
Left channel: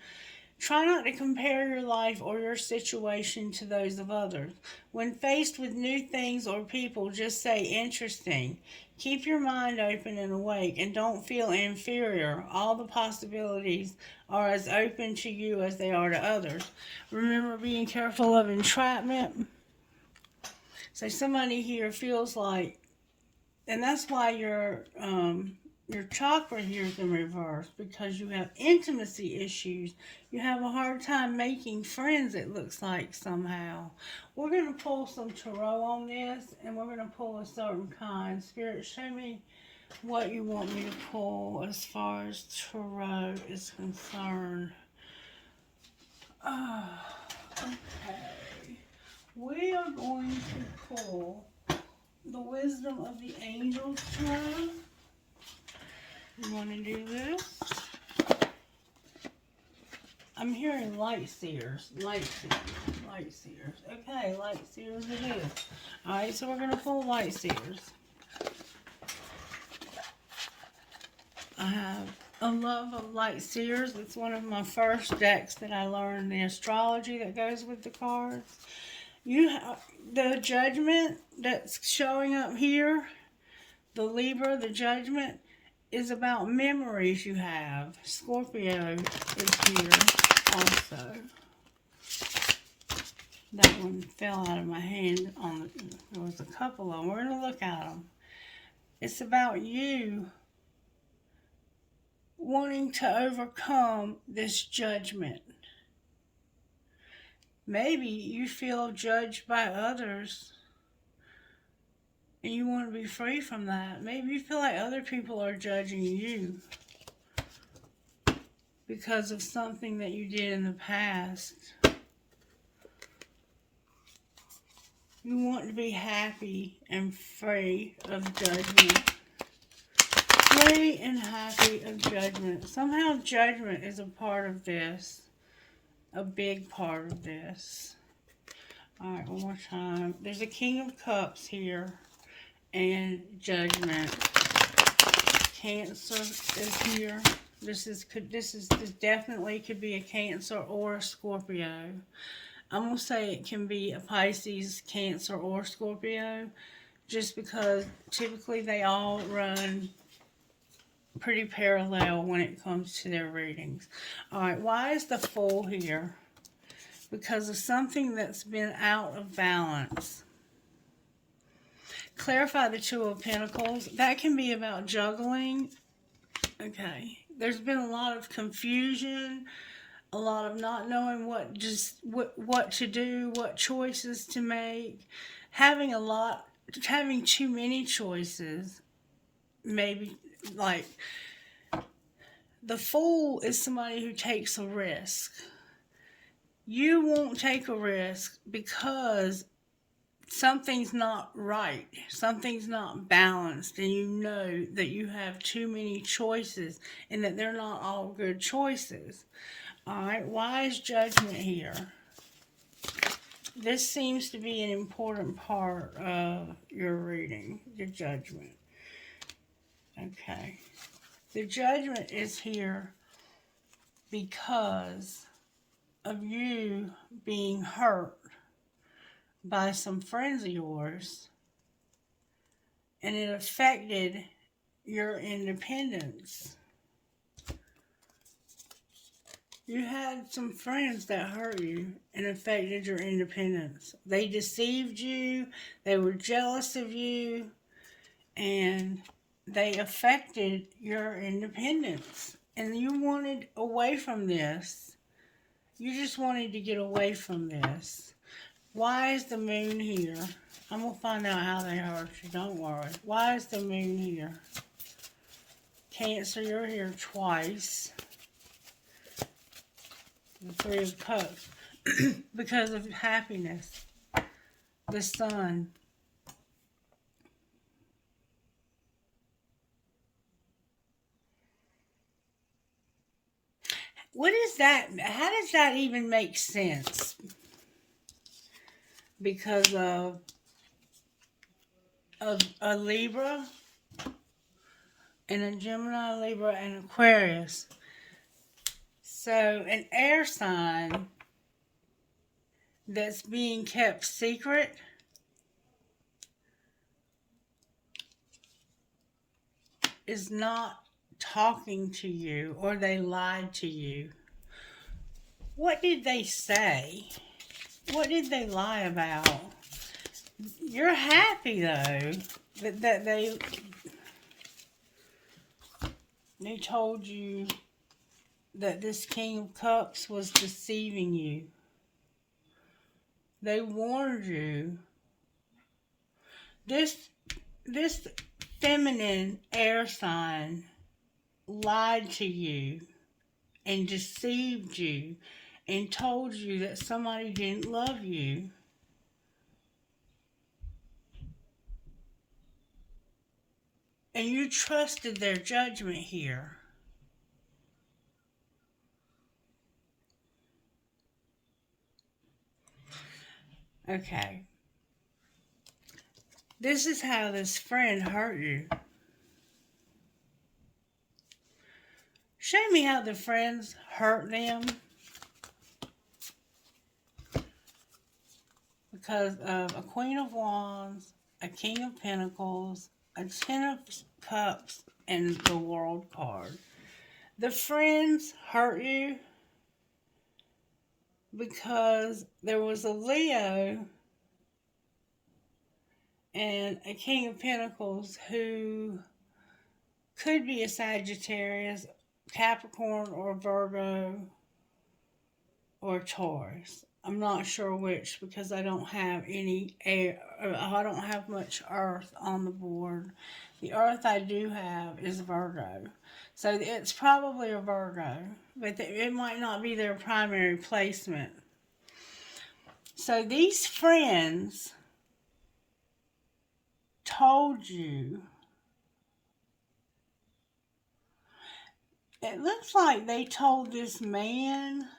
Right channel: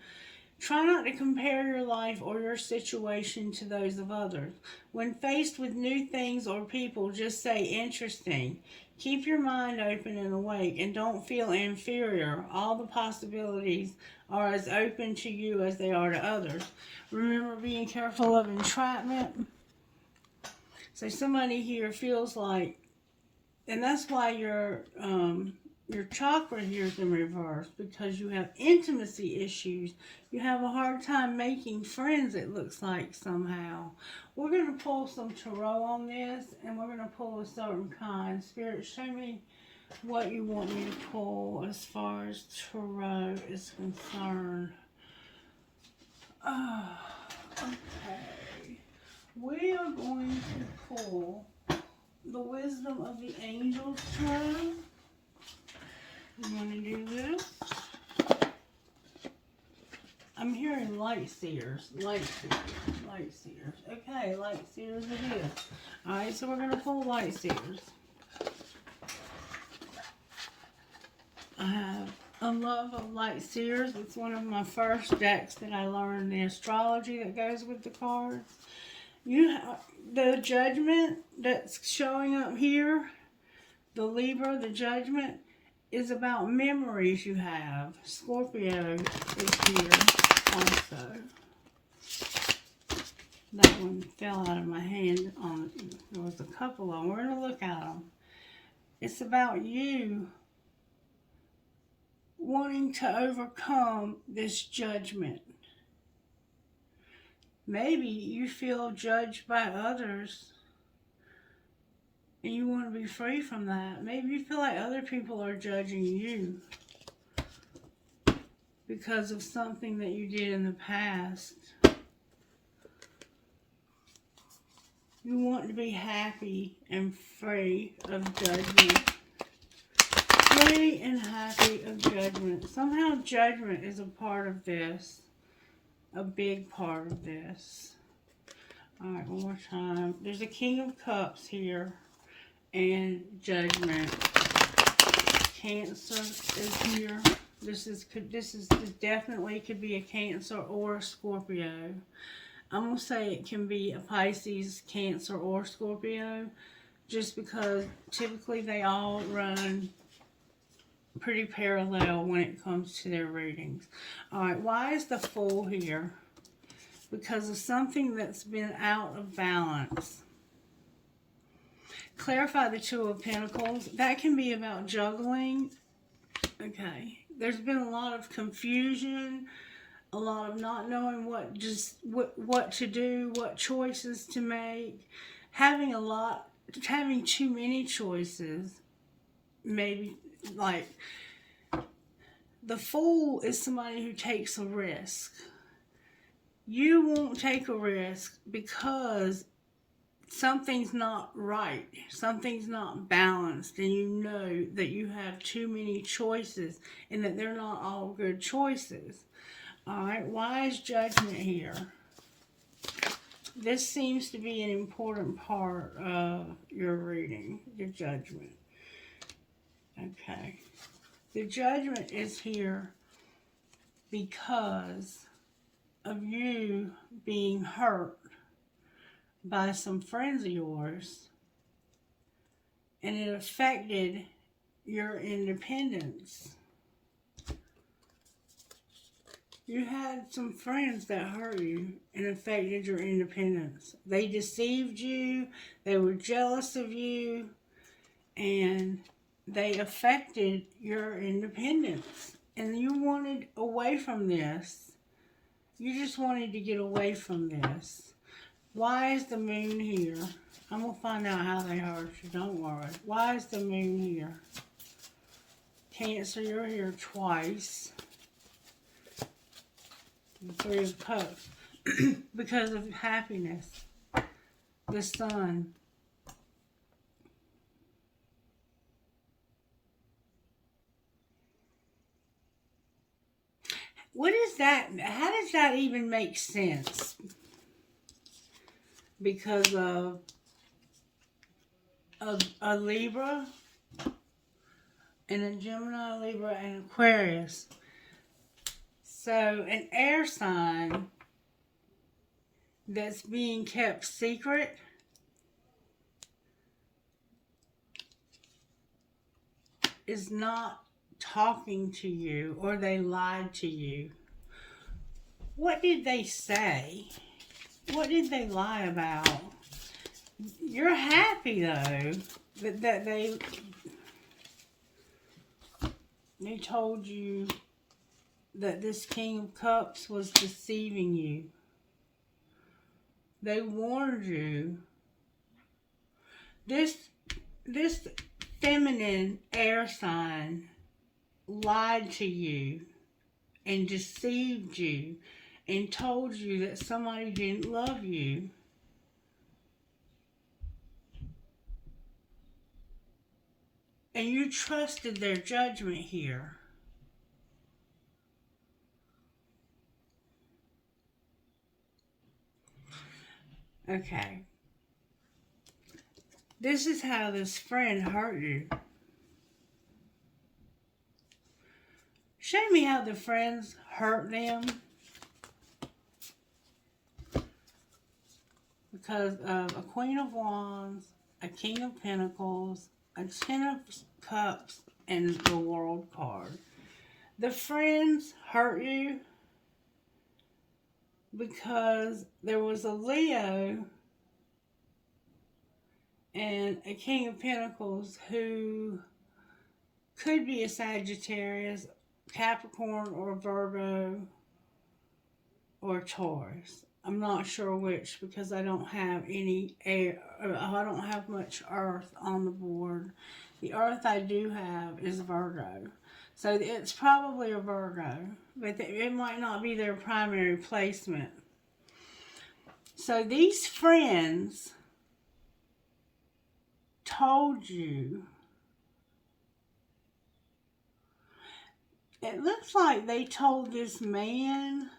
Try not to compare your life or your situation to those of others. When faced with new things or people, just say interesting. Keep your mind open and awake, and don't feel inferior. All the possibilities are as open to you as they are to others. Remember being careful of entrapment. So somebody here feels like, and that's why your chakra here is in reverse, because you have intimacy issues. You have a hard time making friends, it looks like, somehow. We're going to pull some tarot on this, and we're going to pull a certain kind. Spirit, show me what you want me to pull as far as tarot is concerned. Okay. We are going to pull the wisdom of the angels tarot. You want to do this? I'm hearing light seers. Light seers. Okay, light seers it is. Alright, so we're going to pull light seers. I have a love of light seers. It's one of my first decks that I learned the astrology that goes with the cards. You have the judgment that's showing up here. The Libra, the judgment, is about memories you have. Scorpio is here also. That one fell out of my hand. There was a couple of them. We're going to look at them. It's about you wanting to overcome this judgment. Maybe you feel judged by others and you want to be free from that. Maybe you feel like other people are judging you because of something that you did in the past. You want to be happy and free of judgment. Free and happy of judgment. Somehow judgment is a part of this. A big part of this. Alright, one more time. There's a King of Cups here. And Judgment. Cancer is here. This definitely could be a Cancer or a Scorpio. I'm going to say it can be a Pisces, Cancer, or Scorpio, just because typically they all run pretty parallel when it comes to their readings. Alright, why is the Fool here? Because of something that's been out of balance. Clarify the Two of Pentacles. That can be about juggling. Okay. There's been a lot of confusion, a lot of not knowing what to do, what choices to make. having too many choices, maybe, like, the fool is somebody who takes a risk. You won't take a risk because something's not right, something's not balanced, and you know that you have too many choices and that they're not all good choices. All right, wise judgment here. This seems to be an important part of your reading, the judgment. Okay. The judgment is here because of you being hurt by some friends of yours, and it affected your independence. You had some friends that hurt you and affected your independence. They deceived you, they were jealous of you, and they affected your independence. And you wanted away from this. You just wanted to get away from this. Why is the moon here? I'm going to find out how they hurt you, don't worry. Why is the moon here? Cancer, you're here twice. The Three of Cups. Because of happiness. The Sun. What is that? How does that even make sense? Because of a Libra and a Gemini, Libra, and Aquarius. So an air sign that's being kept secret is not talking to you, or they lied to you. What did they say? What did they lie about? You're happy though that they told you that this King of Cups was deceiving you. They warned you. This feminine air sign lied to you and deceived you and told you that somebody didn't love you. And you trusted their judgment here. Okay. This is how this friend hurt you. Show me how the friends hurt them. Because of a Queen of Wands, a King of Pentacles, a Ten of Cups, and the World card. The friends hurt you because there was a Leo and a King of Pentacles who could be a Sagittarius, Capricorn, or Virgo, or Taurus. I'm not sure which because I don't have any air. I don't have much earth on the board. The earth I do have is Virgo. So it's probably a Virgo, but it might not be their primary placement. So these friends told you, it looks like they told this man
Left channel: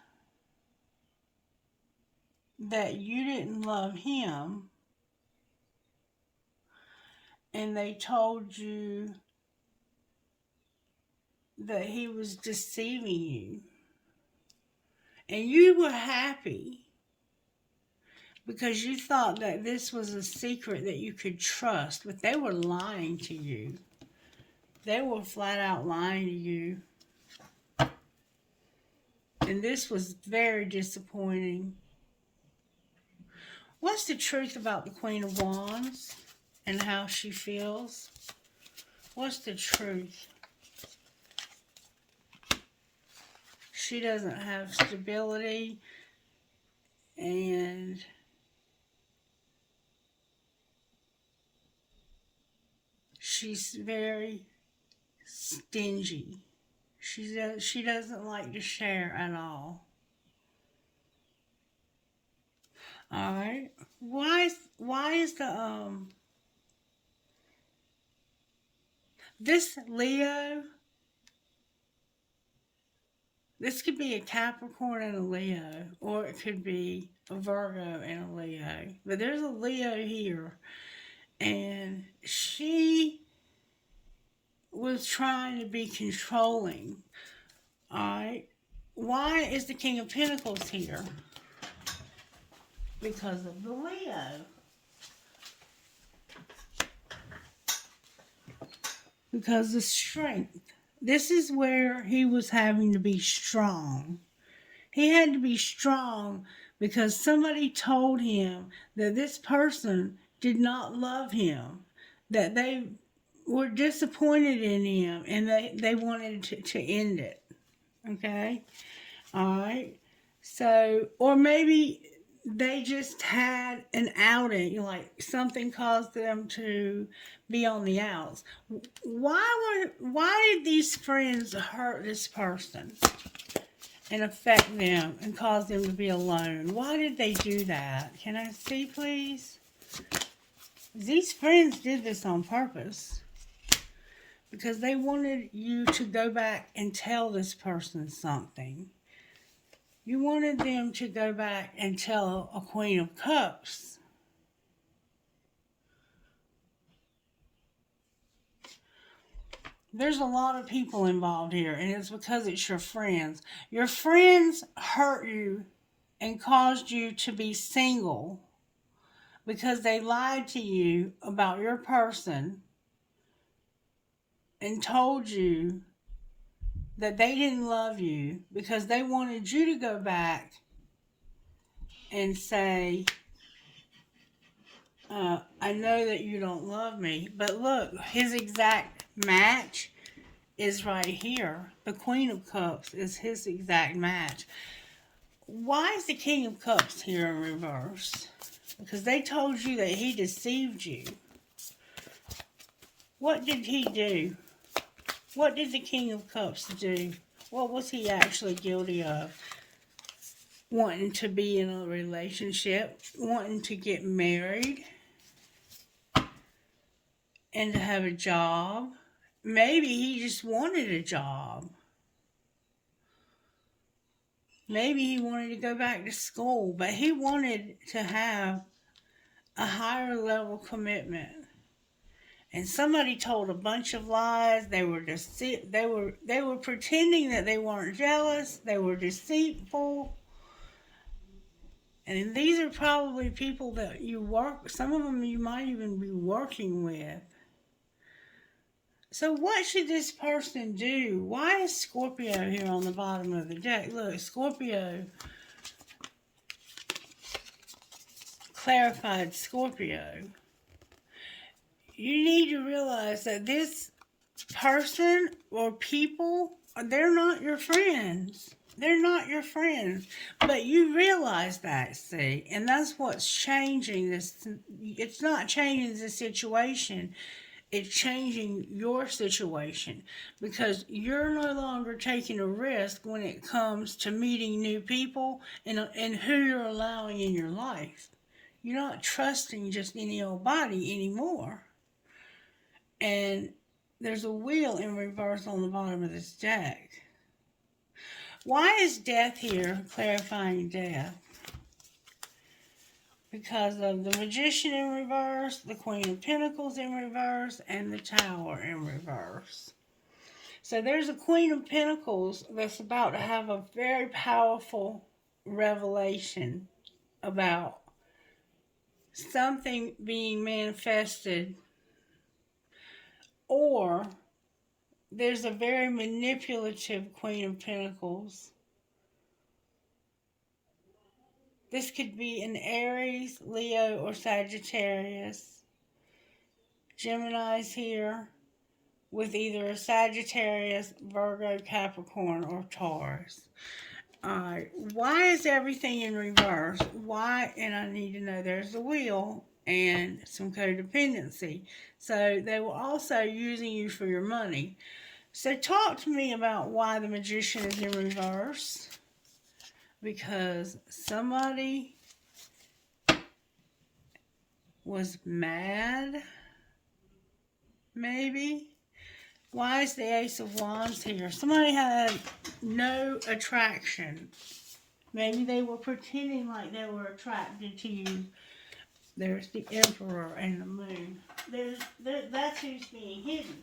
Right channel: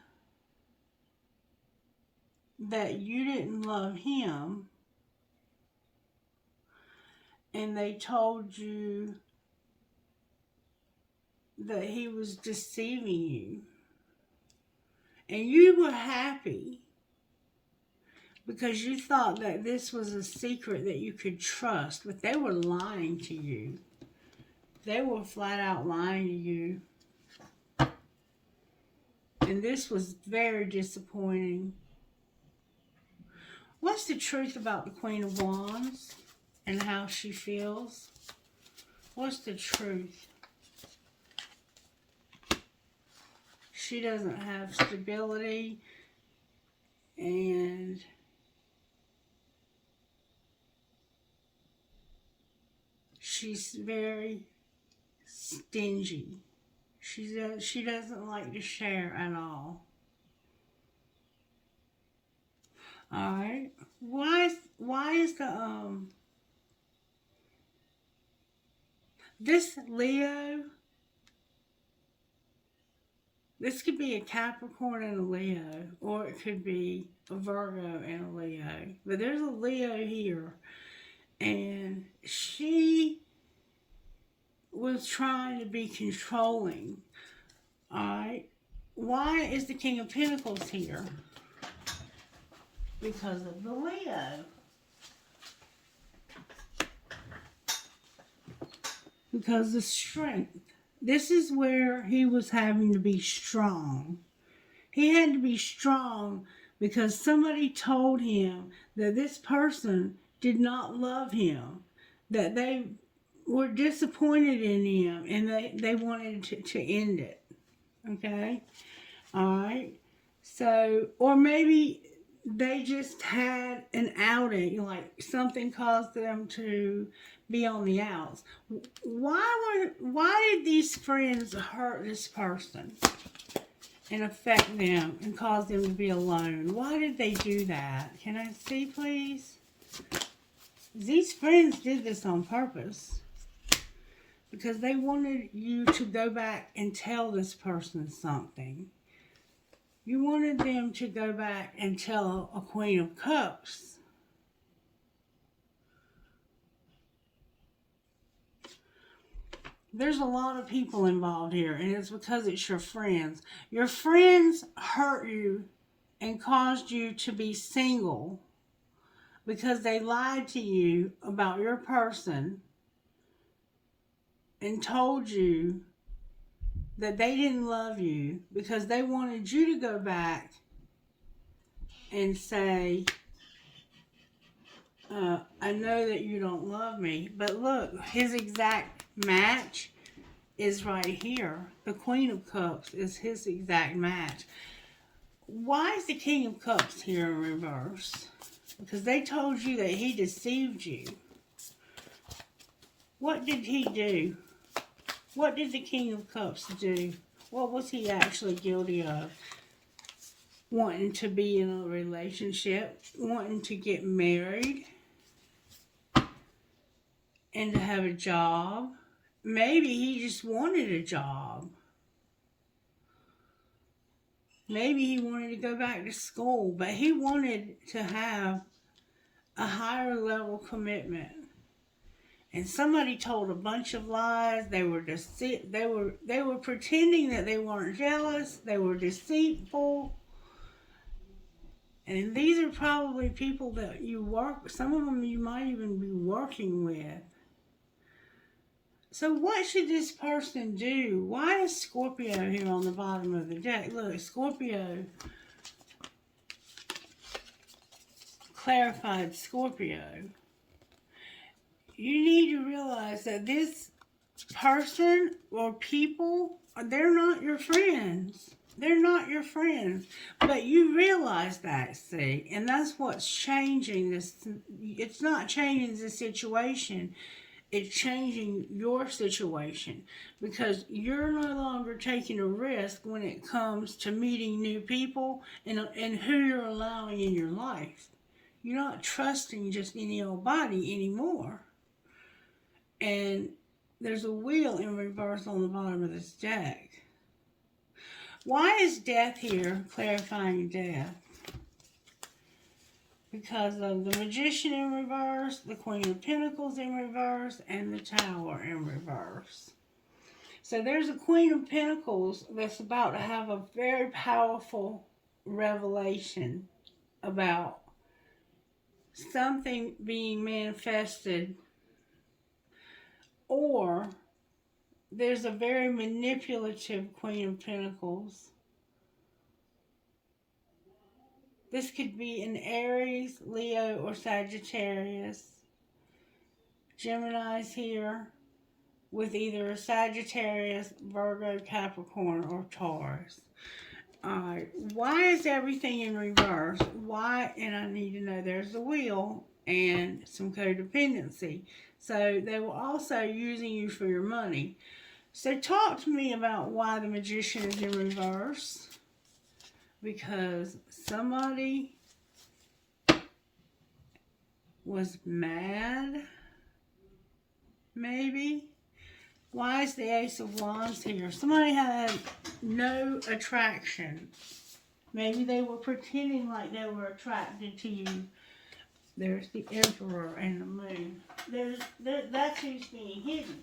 that you didn't love him, and they told you that he was deceiving you, and you were happy because you thought that this was a secret that you could trust, but they were lying to you. They were flat out lying to you, and this was very disappointing. What's the truth about the Queen of Wands and how she feels? What's the truth? She doesn't have stability, and She's very stingy. She doesn't like to share at all. All right. Why is the this Leo? This could be a Capricorn and a Leo, or it could be a Virgo and a Leo. But there's a Leo here, and she was trying to be controlling. Alright? Why is the King of Pentacles here? Because of the Leo. Because of strength. This is where he was having to be strong. He had to be strong because somebody told him that this person did not love him, that they were disappointed in him, and they wanted to end it. Okay? Alright? So, or maybe they just had an outing, like something caused them to be on the outs. Why did these friends hurt this person and affect them and cause them to be alone? Why did they do that? Can I see, please? These friends did this on purpose because they wanted you to go back and tell this person something. You wanted them to go back and tell a Queen of Cups. There's a lot of people involved here, and it's because it's your friends. Your friends hurt you and caused you to be single because they lied to you about your person and told you that they didn't love you because they wanted you to go back and say, I know that you don't love me. But look, his exact match is right here. The Queen of Cups is his exact match. Why is the King of Cups here in reverse? Because they told you that he deceived you. What did he do? What did the King of Cups do? What was he actually guilty of? Wanting to be in a relationship, wanting to get married, and to have a job. Maybe he just wanted a job. Maybe he wanted to go back to school, but he wanted to have a higher level commitment. And somebody told a bunch of lies. They were pretending that they weren't jealous. They were deceitful. And these are probably people that you work, some of them you might even be working with. So what should this person do? Why is Scorpio here on the bottom of the deck? Look, Scorpio, clarified Scorpio. You need to realize that this person or people, they're not your friends. They're not your friends. But you realize that, see? And that's what's changing this. It's not changing the situation. It's changing your situation. Because you're no longer taking a risk when it comes to meeting new people and who you're allowing in your life. You're not trusting just any old body anymore. And there's a wheel in reverse on the bottom of this deck. Why is death here, clarifying death? Because of the Magician in reverse, the Queen of Pentacles in reverse, and the Tower in reverse. So there's a Queen of Pentacles that's about to have a very powerful revelation about something being manifested, or there's a very manipulative Queen of Pentacles. This could be an Aries, Leo, or Sagittarius. Gemini's here with either a Sagittarius, Virgo, Capricorn, or Taurus. Alright, why is everything in reverse? Why? And I need to know, there's the wheel. and some codependency. So they were also using you for your money. So talk to me about why the Magician is in reverse. Because somebody was mad, maybe. Why is the Ace of Wands here? Somebody had no attraction. Maybe they were pretending like they were attracted to you. There's the Emperor and the Moon. That's who's being hidden.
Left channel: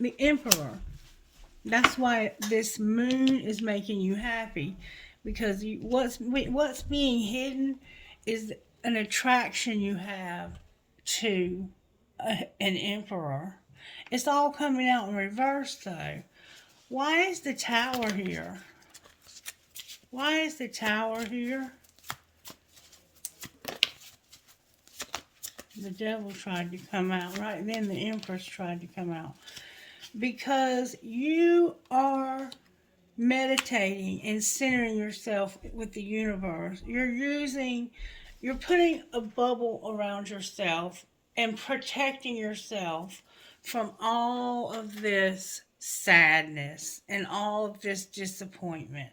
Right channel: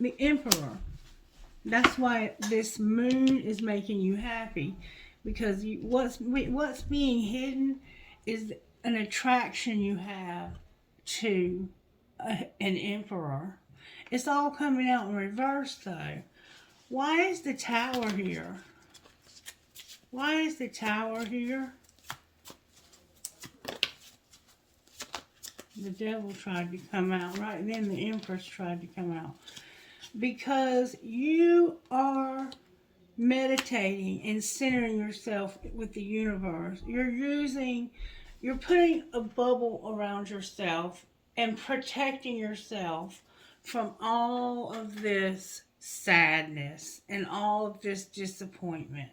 The Emperor. That's why this moon is making you happy. Because what's being hidden is an attraction you have to an Emperor. It's all coming out in reverse, though. Why is the Tower here? Why is the Tower here? The Devil tried to come out. Right then, the Empress tried to come out. Because you are meditating and centering yourself with the universe. You're putting a bubble around yourself and protecting yourself from all of this sadness and all of this disappointment.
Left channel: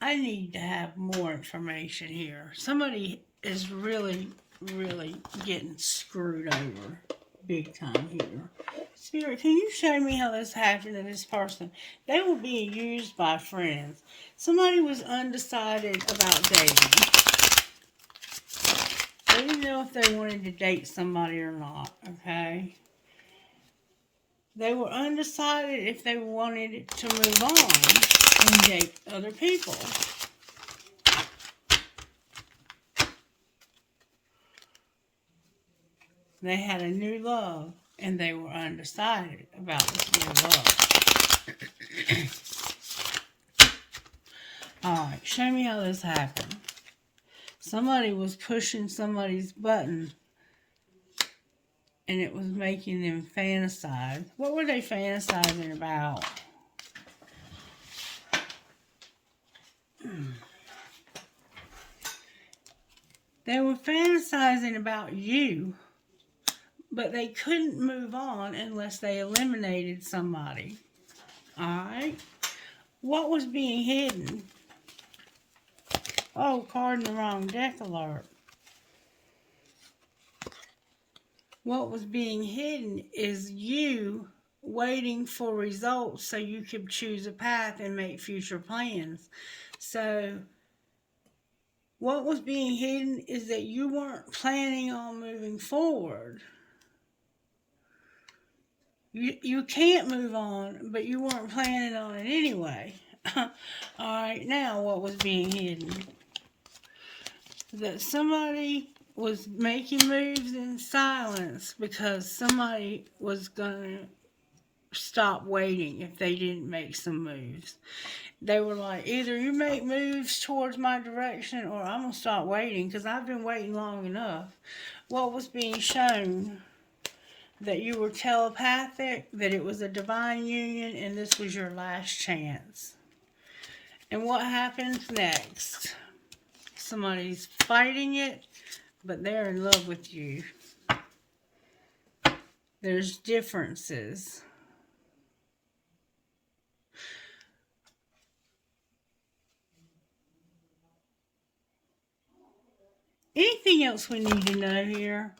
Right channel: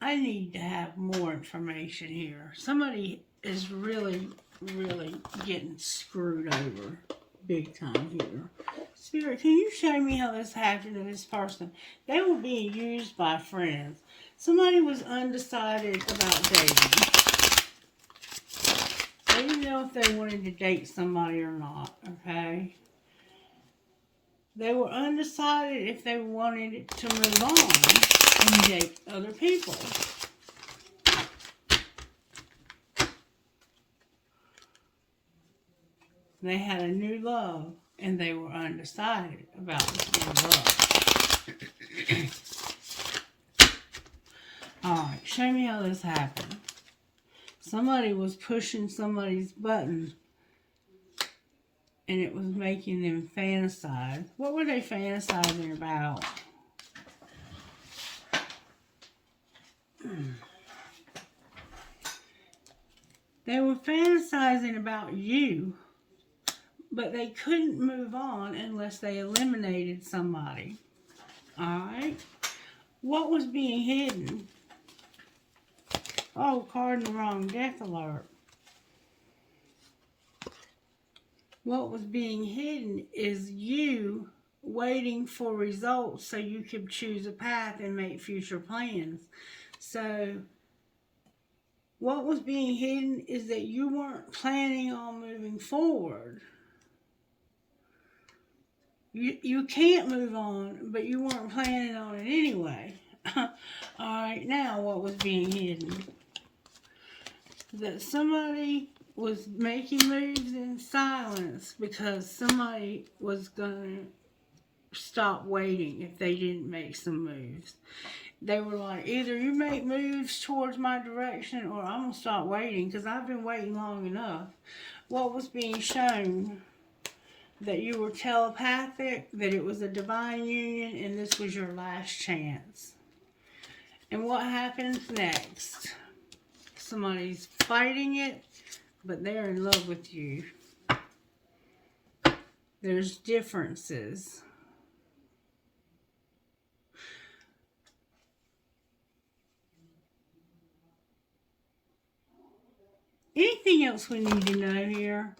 I need to have more information here. Somebody is really, really getting screwed over big time here. Spirit, can you show me how this happened to this person? They were being used by friends. Somebody was undecided about dating. They didn't know if they wanted to date somebody or not, okay? They were undecided if they wanted to move on and date other people. They had a new love, and they were undecided about this new love. Alright, show me how this happened. Somebody was pushing somebody's button, and it was making them fantasize. What were they fantasizing about? They were fantasizing about you, but they couldn't move on unless they eliminated somebody. Alright? What was being hidden? Oh, card in the wrong deck alert. What was being hidden is you waiting for results so you could choose a path and make future plans. So, what was being hidden is that you weren't planning on moving forward. You can't move on, but you weren't planning on it anyway. Alright, now what was being hidden? That somebody was making moves in silence because somebody was going to stop waiting if they didn't make some moves. They were like, either you make moves towards my direction or I'm going to stop waiting because I've been waiting long enough. What was being shown? That you were telepathic, that it was a divine union, and this was your last chance. And what happens next? Somebody's fighting it, but they're in love with you. There's differences. Anything else we need to know here?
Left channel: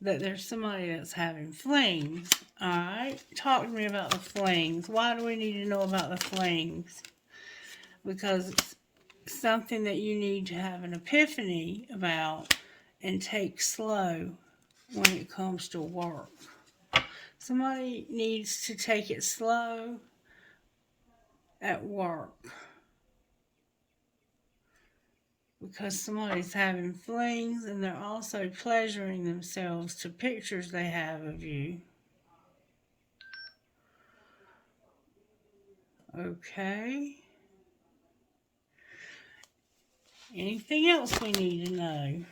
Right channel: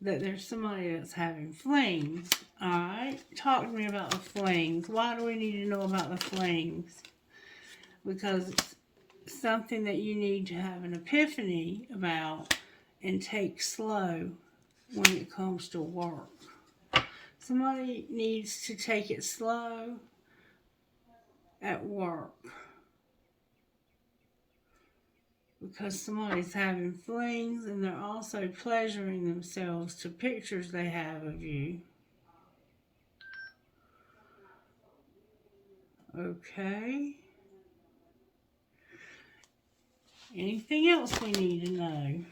That there's somebody that's having flings. Alright, talk to me about the flings. Why do we need to know about the flings? Because it's something that you need to have an epiphany about and take slow when it comes to work. Somebody needs to take it slow at work. Because somebody's having flings and they're also pleasuring themselves to pictures they have of you. Okay. Anything else we need to know?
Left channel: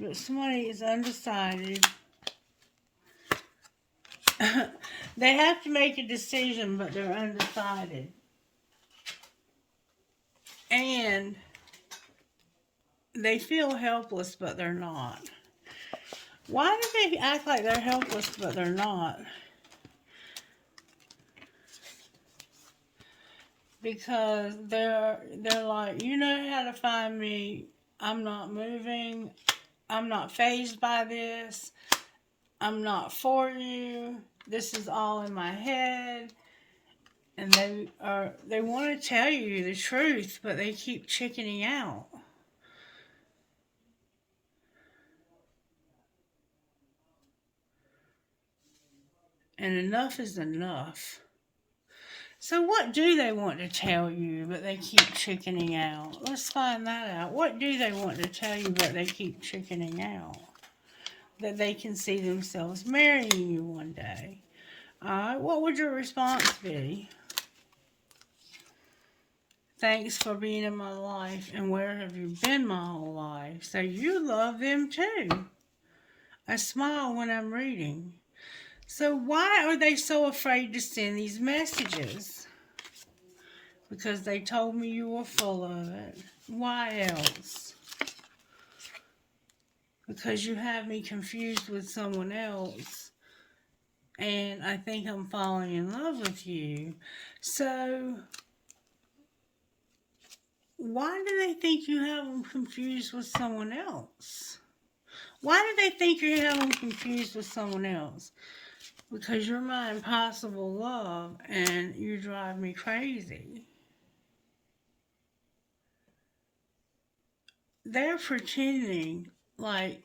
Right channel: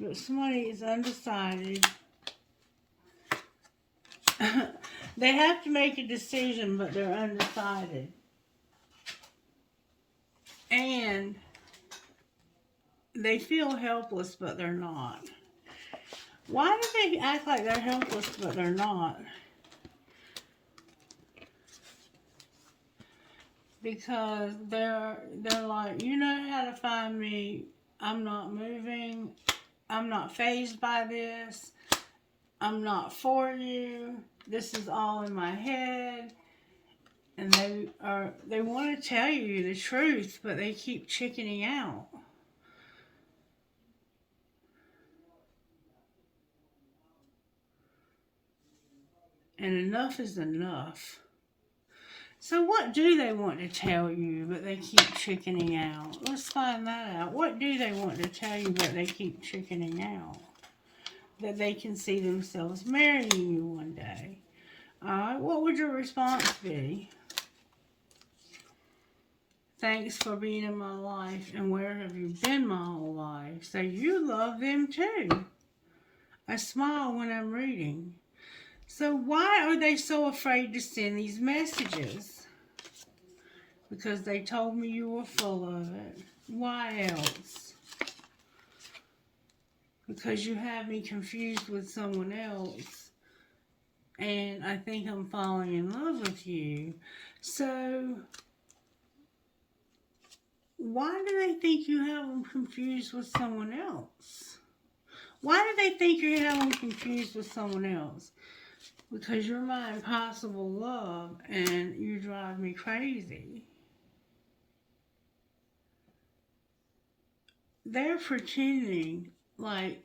But somebody is undecided. They have to make a decision, but they're undecided. And they feel helpless, but they're not. Why do they act like they're helpless, but they're not? Because they're like, you know how to find me. I'm not moving. I'm not fazed by this. I'm not for you. This is all in my head. And they want to tell you the truth, but they keep chickening out. And enough is enough. So what do they want to tell you, but they keep chickening out? Let's find that out. What do they want to tell you, but they keep chickening out? That they can see themselves marrying you one day. Alright, what would your response be? Thanks for being in my life, and where have you been my whole life? So you love them too. I smile when I'm reading. So why are they so afraid to send these messages? Because they told me you were full of it. Why else? Because you have me confused with someone else. And I think I'm falling in love with you. So why do they think you have them confused with someone else? Why do they think you have them confused with someone else? Because you're my impossible love and you drive me crazy. They're pretending like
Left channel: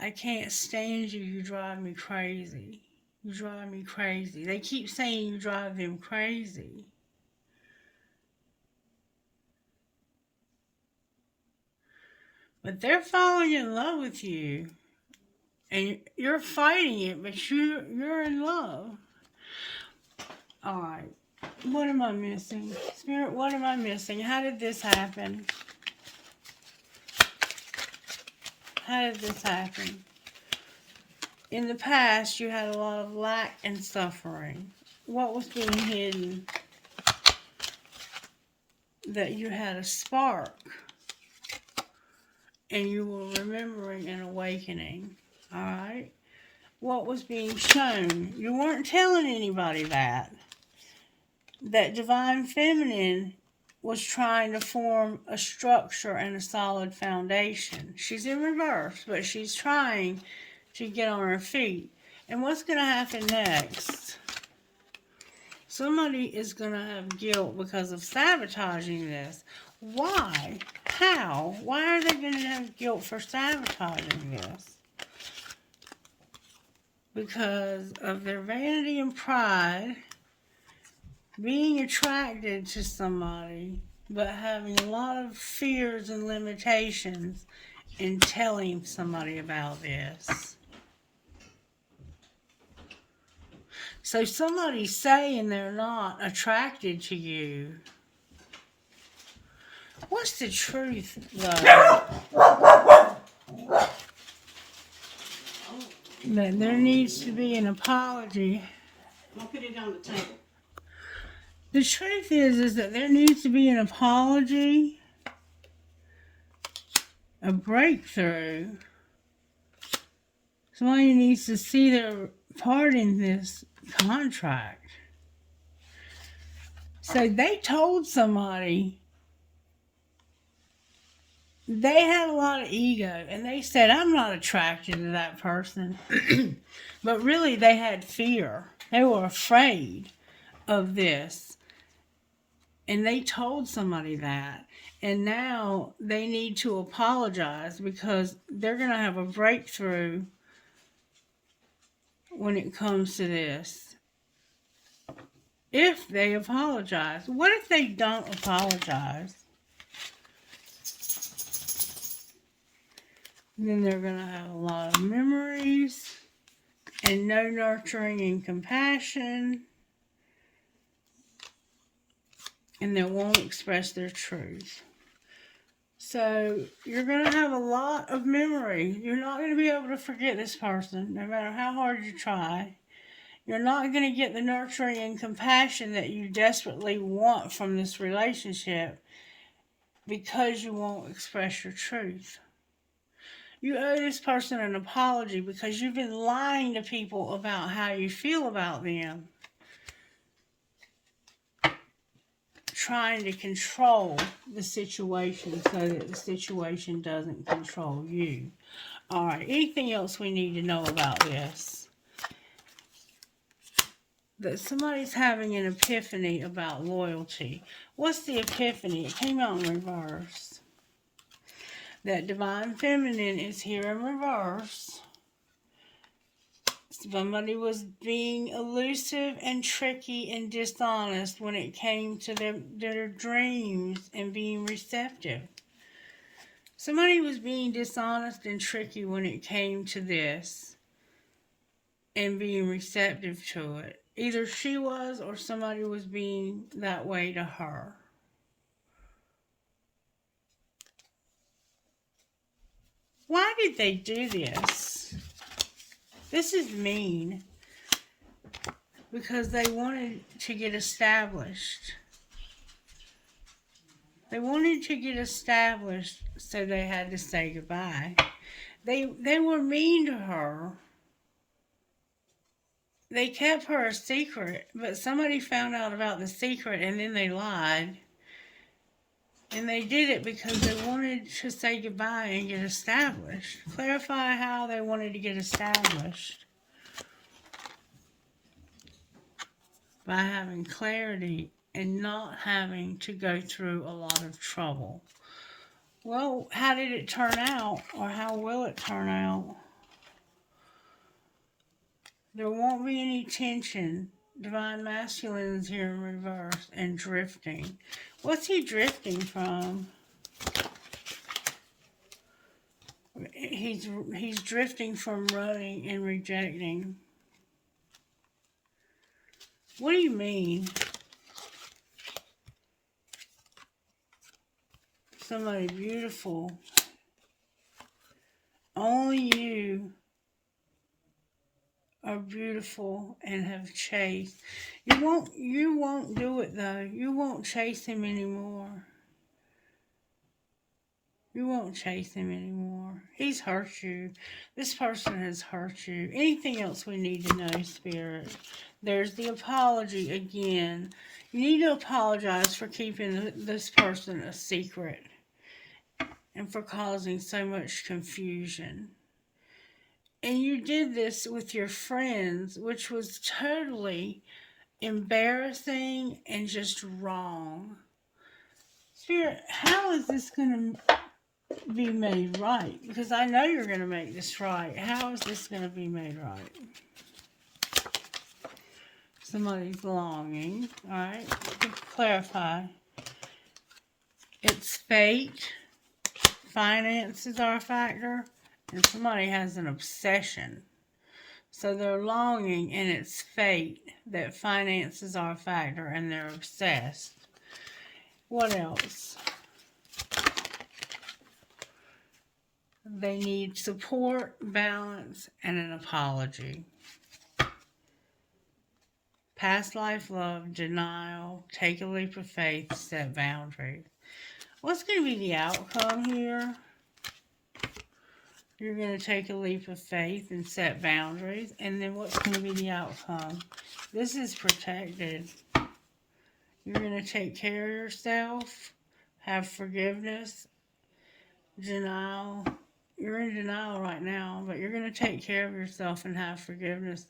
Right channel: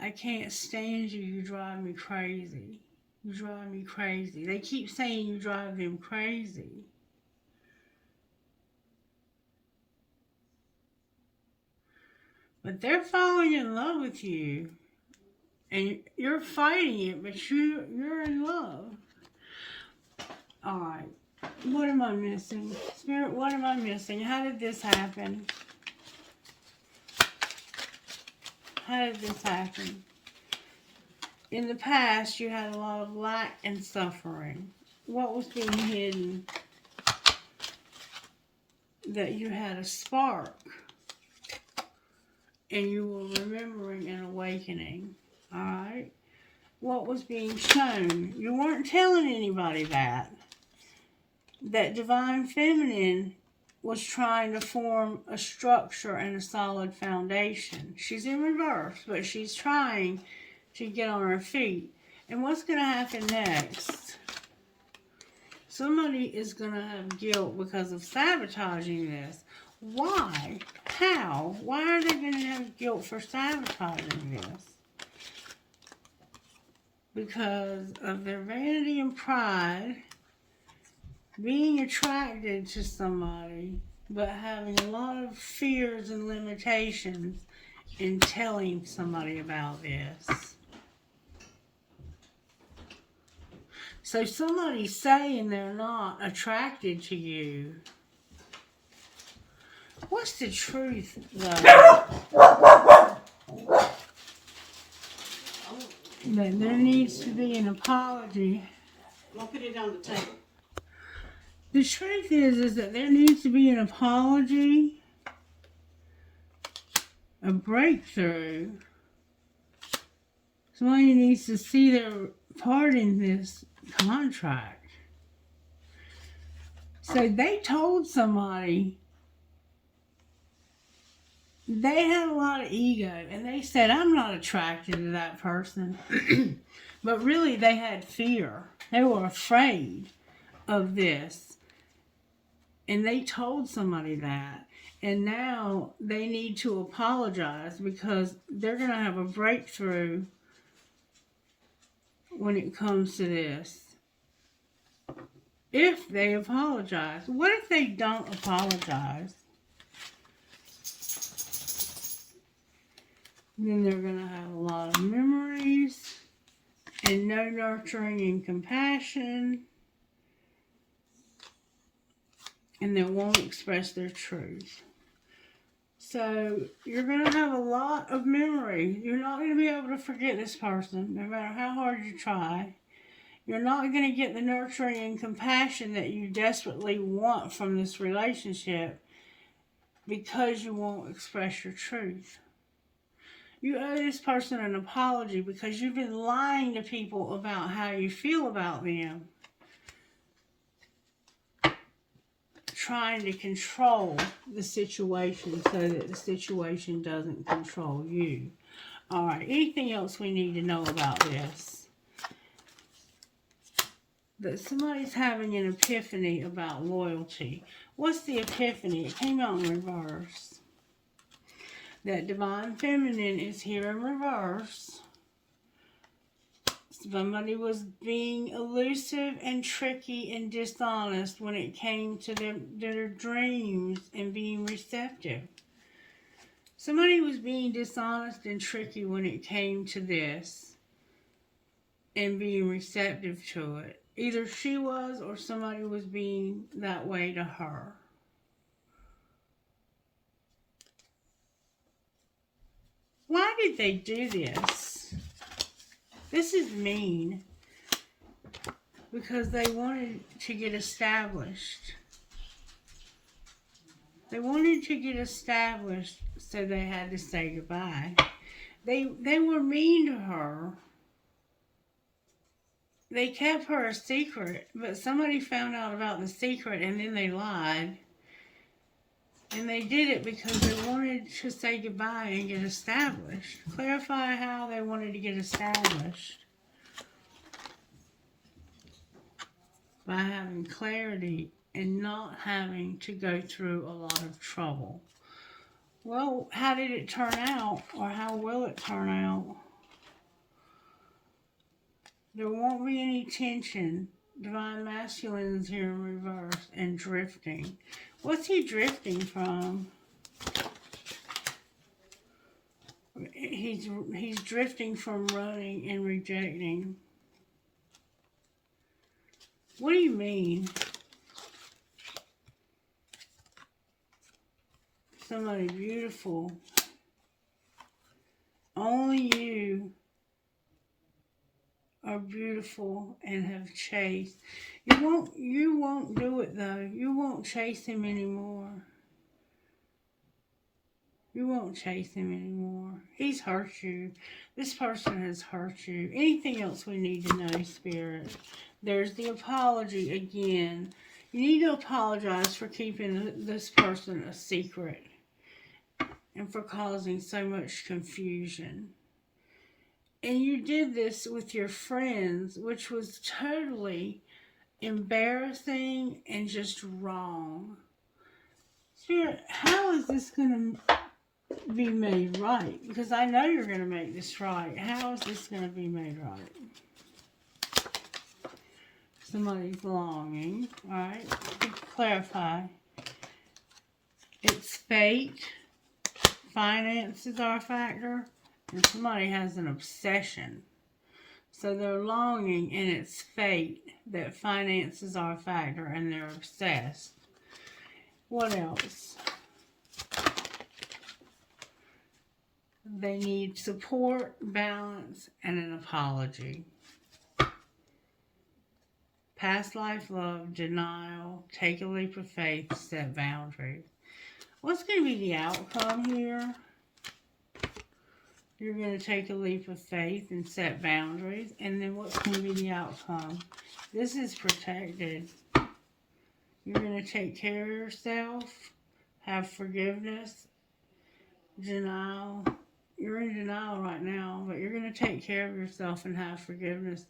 I can't stand you, you drive me crazy. You drive me crazy. They keep saying you drive them crazy. But they're falling in love with you. And you're fighting it, but you're in love. Alright. What am I missing? Spirit, what am I missing? How did this happen? How did this happen? In the past, you had a lot of lack and suffering. What was being hidden? That you had a spark. And you were remembering and awakening. Alright? What was being shown? You weren't telling anybody that. That divine feminine was trying to form a structure and a solid foundation. She's in reverse, but she's trying to get on her feet. And what's going to happen next? Somebody is going to have guilt because of sabotaging this. Why? How? Why are they going to have guilt for sabotaging this? Because of their vanity and pride, being attracted to somebody, but having a lot of fears and limitations in telling somebody about this. So somebody's saying they're not attracted to you. What's the truth, though? That there needs to be an apology. I'm going to put it on the table. The truth is that there needs to be an apology, a breakthrough. Somebody needs to see their part in this contract. So they told somebody, they had a lot of ego, and they said, I'm not attracted to that person. But really, they had fear. They were afraid of this. And they told somebody that. And now they need to apologize because they're going to have a breakthrough when it comes to this. If they apologize. What if they don't apologize? Then they're going to have a lot of memories and no nurturing and compassion. And they won't express their truth. So you're going to have a lot of memory. You're not going to be able to forget this person, no matter how hard you try. You're not going to get the nurturing and compassion that you desperately want from this relationship because you won't express your truth. You owe this person an apology because you've been lying to people about how you feel about them, trying to control the situation so that the situation doesn't control you. All right, anything else we need to know about this? That somebody's having an epiphany about loyalty. What's the epiphany? It came out in reverse. That divine feminine is here in reverse. Somebody was being elusive and tricky and dishonest when it came to their dreams and being receptive. Somebody was being dishonest and tricky when it came to this and being receptive to it. Either she was or somebody was being that way to her. Why did they do this? This is mean. Because they wanted to get established. They wanted to get established, so they had to say goodbye. They were mean to her. They kept her a secret, but somebody found out about the secret and then they lied. And they did it because they wanted to say goodbye and get established. Clarify how they wanted to get established. By having clarity and not having to go through a lot of trouble. Well, how did it turn out, or how will it turn out? There won't be any tension. Divine masculine is here in reverse and drifting. What's he drifting from? He's drifting from running and rejecting. What do you mean? Somebody beautiful. Only you are beautiful and have chased. You won't do it though. You won't chase him anymore. You won't chase him anymore. He's hurt you. This person has hurt you. Anything else we need to know, Spirit? There's the apology again. You need to apologize for keeping this person a secret and for causing so much confusion. And you did this with your friends, which was totally embarrassing and just wrong. Spirit, how is this going to be made right? Because I know you're going to make this right. How is this going to be made right? Somebody's longing, all right? Clarify. It's fate. Finances are a factor. And somebody has an obsession. So they're longing, and it's fate that finances are a factor, and they're obsessed. What else? They need support, balance, and an apology. Past life love, denial, take a leap of faith, set boundaries. What's going to be the outcome here? You're going to take a leap of faith and set boundaries. And then what's going to be the outcome? This is protected. You're going to take care of yourself, have forgiveness, denial. You're in denial right now, but you're going to take care of yourself and have forgiveness.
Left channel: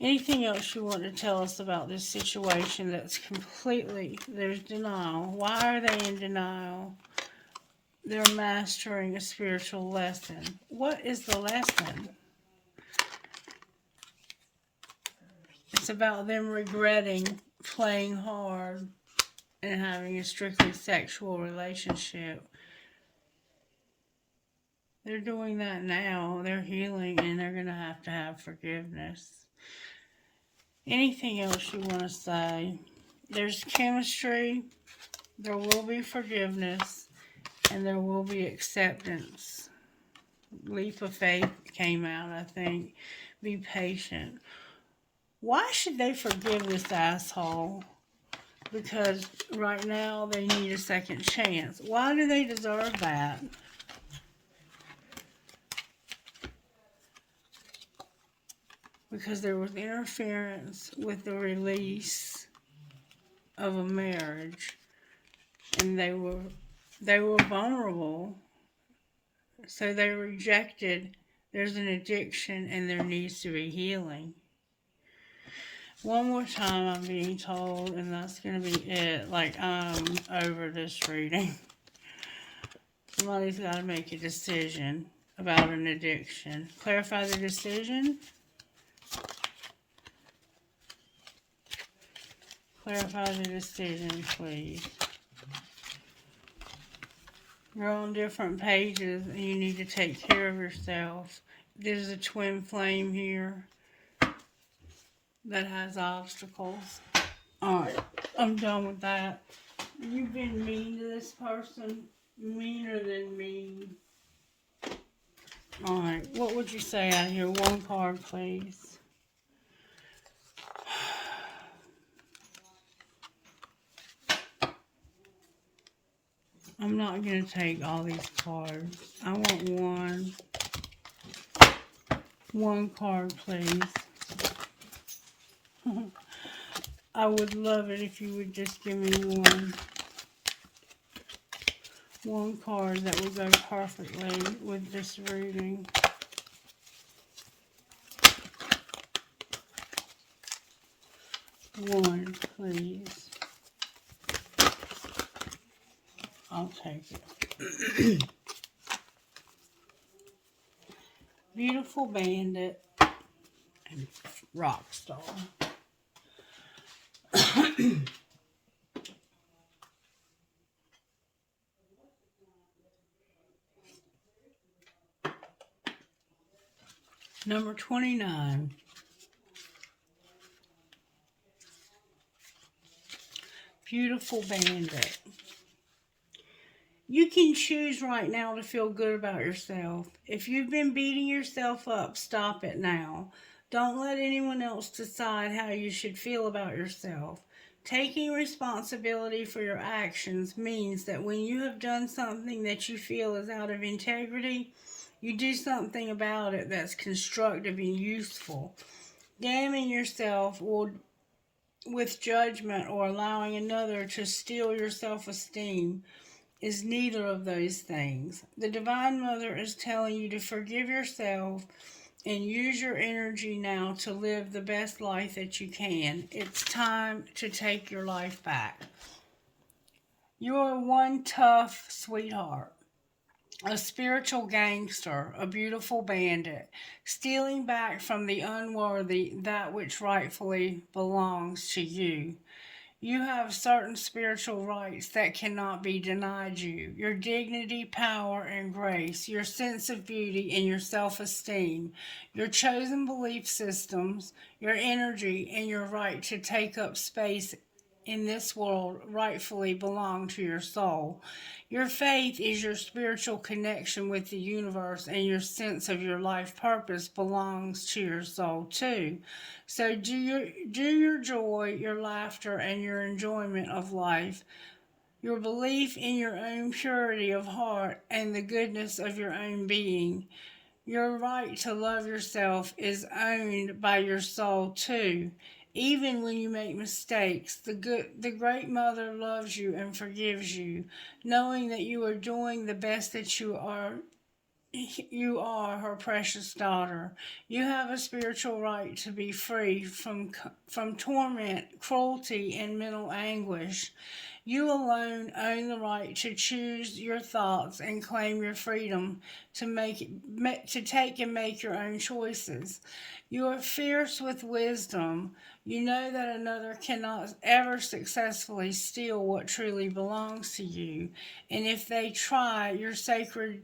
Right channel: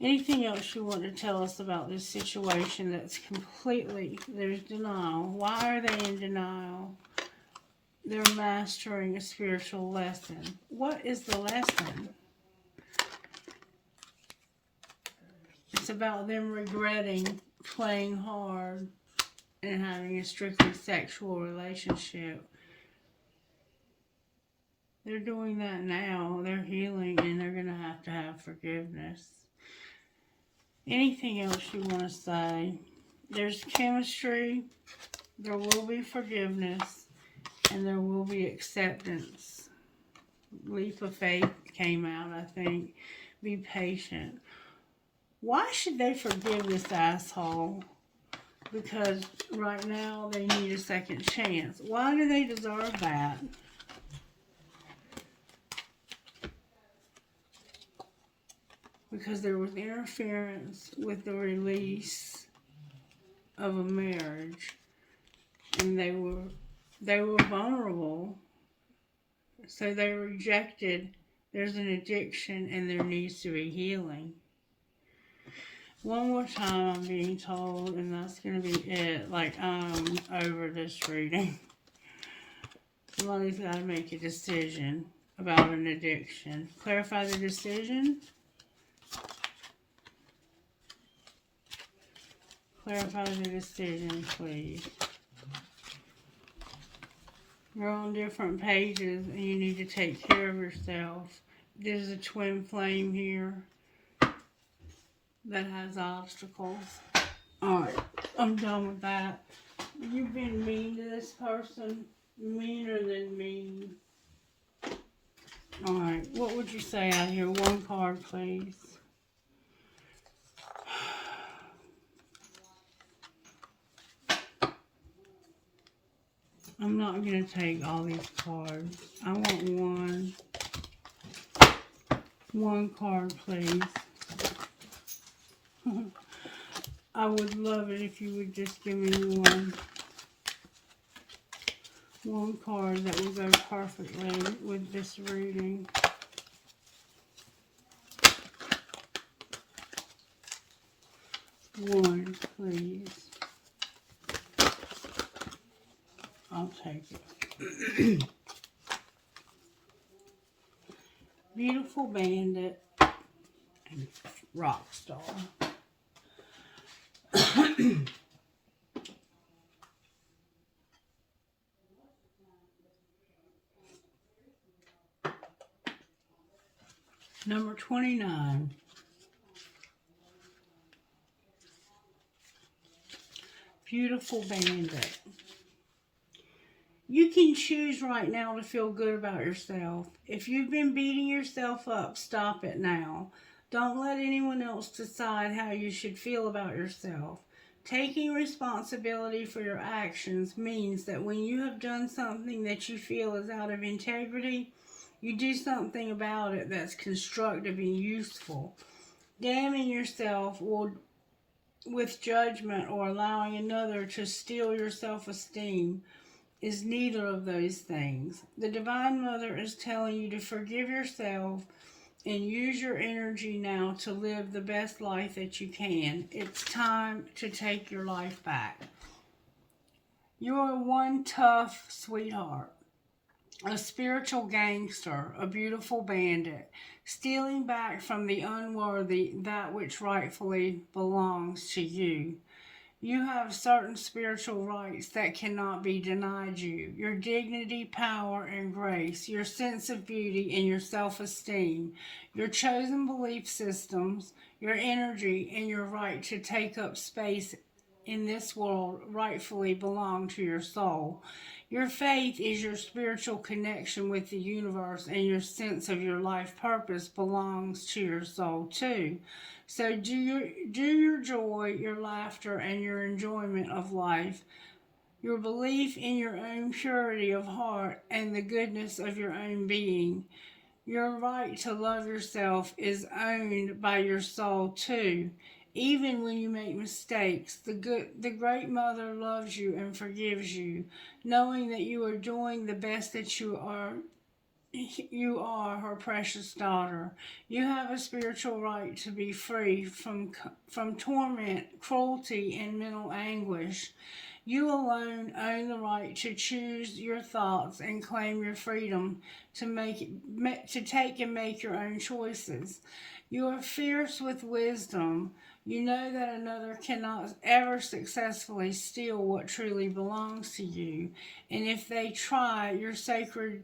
Anything else you want to tell us about this situation that's completely, there's denial. Why are they in denial? They're mastering a spiritual lesson. What is the lesson? It's about them regretting playing hard and having a strictly sexual relationship. They're doing that now. They're healing, and they're going to have forgiveness. Anything else you want to say? There's chemistry. There will be forgiveness. and there will be acceptance. Leap of faith came out, I think. Be patient. Why should they forgive this asshole? Because right now they need a second chance. Why do they deserve that? Because there was interference with the release of a marriage, and they were vulnerable, so they rejected. There's an addiction, and there needs to be healing. One more time, I'm being told, and that's gonna be it. Like, I'm over this reading. Somebody's got to make a decision about an addiction. Clarify the decision. Clarify the decision, please. You're on different pages and you need to take care of yourself. There's a twin flame here that has obstacles. Alright, I'm done with that. You've been mean to this person, meaner than mean. Alright, what would you say out here? One card, please. I'm not going to take all these cards. I want one card, please. I would love it if you would just give me one card that will go perfectly with this reading. One, please. I'll take it. Beautiful Bandit and Rock Star. Number 29. Beautiful Bandit. You can choose right now to feel good about yourself. If you've been beating yourself up, stop it now. Don't let anyone else decide how you should feel about yourself. Taking responsibility for your actions means that when you have done something that you feel is out of integrity, you do something about it that's constructive and useful. Damning yourself with judgment or allowing another to steal your self-esteem is neither of those things. The Divine Mother is telling you to forgive yourself and use your energy now to live the best life that you can. It's time to take your life back. You are one tough sweetheart, a spiritual gangster, a beautiful bandit, stealing back from the unworthy that which rightfully belongs to you. You have certain spiritual rights that cannot be denied you. Your dignity, power, and grace, your sense of beauty, and your self-esteem, your chosen belief systems, your energy, and your right to take up space in this world rightfully belong to your soul. Your faith is your spiritual connection with the universe, and your sense of your life purpose belongs to your soul too. So do your joy, your laughter, and your enjoyment of life. Your belief in your own purity of heart and the goodness of your own being. Your right to love yourself is owned by your soul too. Even when you make mistakes, the Great Mother loves you and forgives you, knowing that you are doing the best that you are. You are her precious daughter. You have a spiritual right to be free from torment, cruelty, and mental anguish. You alone own the right to choose your thoughts and claim your freedom to take and make your own choices. You are fierce with wisdom. You know that another cannot ever successfully steal what truly belongs to you. And if they try, your sacred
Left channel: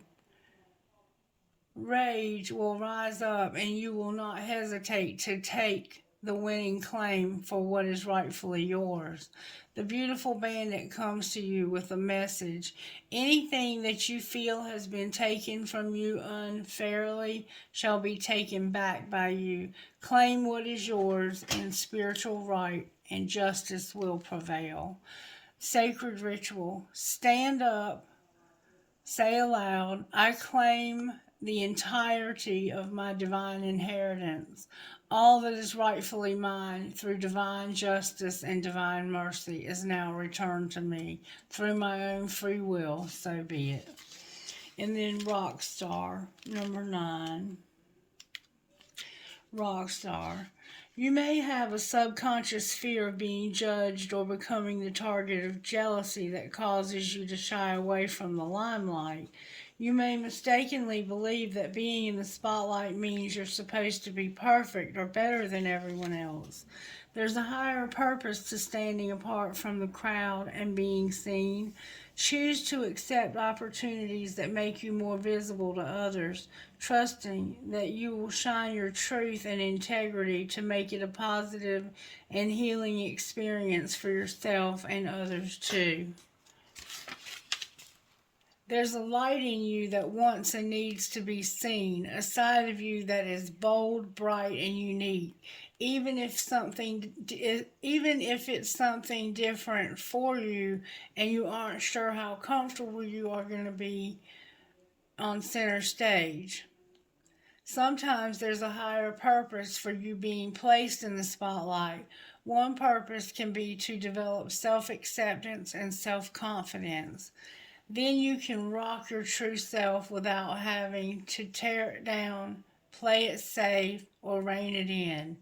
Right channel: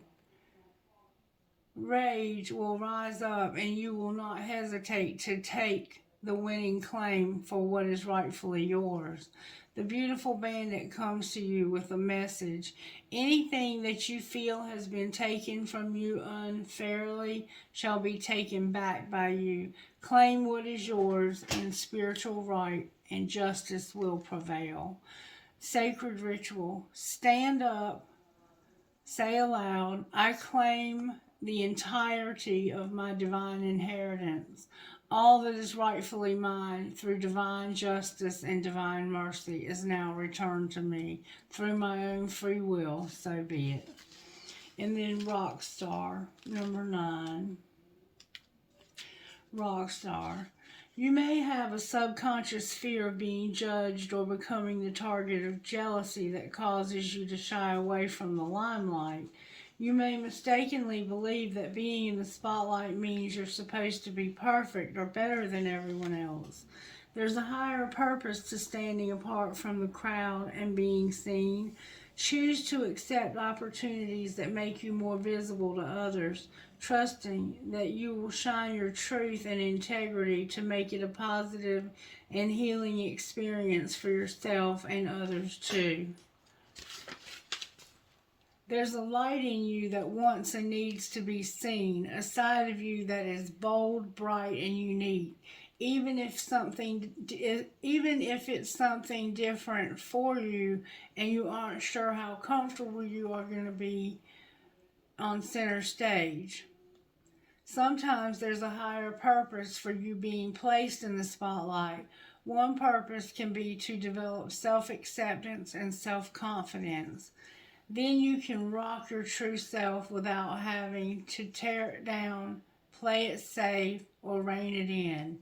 rage will rise up and you will not hesitate to take the winning claim for what is rightfully yours. The beautiful bandit comes to you with a message. Anything that you feel has been taken from you unfairly shall be taken back by you. Claim what is yours in spiritual right, and justice will prevail. Sacred ritual. Stand up, say aloud, I claim the entirety of my divine inheritance. All that is rightfully mine through divine justice and divine mercy is now returned to me through my own free will, so be it. And then Rockstar, number 9. Rockstar. You may have a subconscious fear of being judged or becoming the target of jealousy that causes you to shy away from the limelight. You may mistakenly believe that being in the spotlight means you're supposed to be perfect or better than everyone else. There's a higher purpose to standing apart from the crowd and being seen. Choose to accept opportunities that make you more visible to others, trusting that you will shine your truth and integrity to make it a positive and healing experience for yourself and others too. There's a light in you that wants and needs to be seen, a side of you that is bold, bright, and unique. Even if it's something different for you and you aren't sure how comfortable you are going to be on center stage. Sometimes there's a higher purpose for you being placed in the spotlight. One purpose can be to develop self-acceptance and self-confidence. Then you can rock your true self without having to tear it down, play it safe, or rein it in.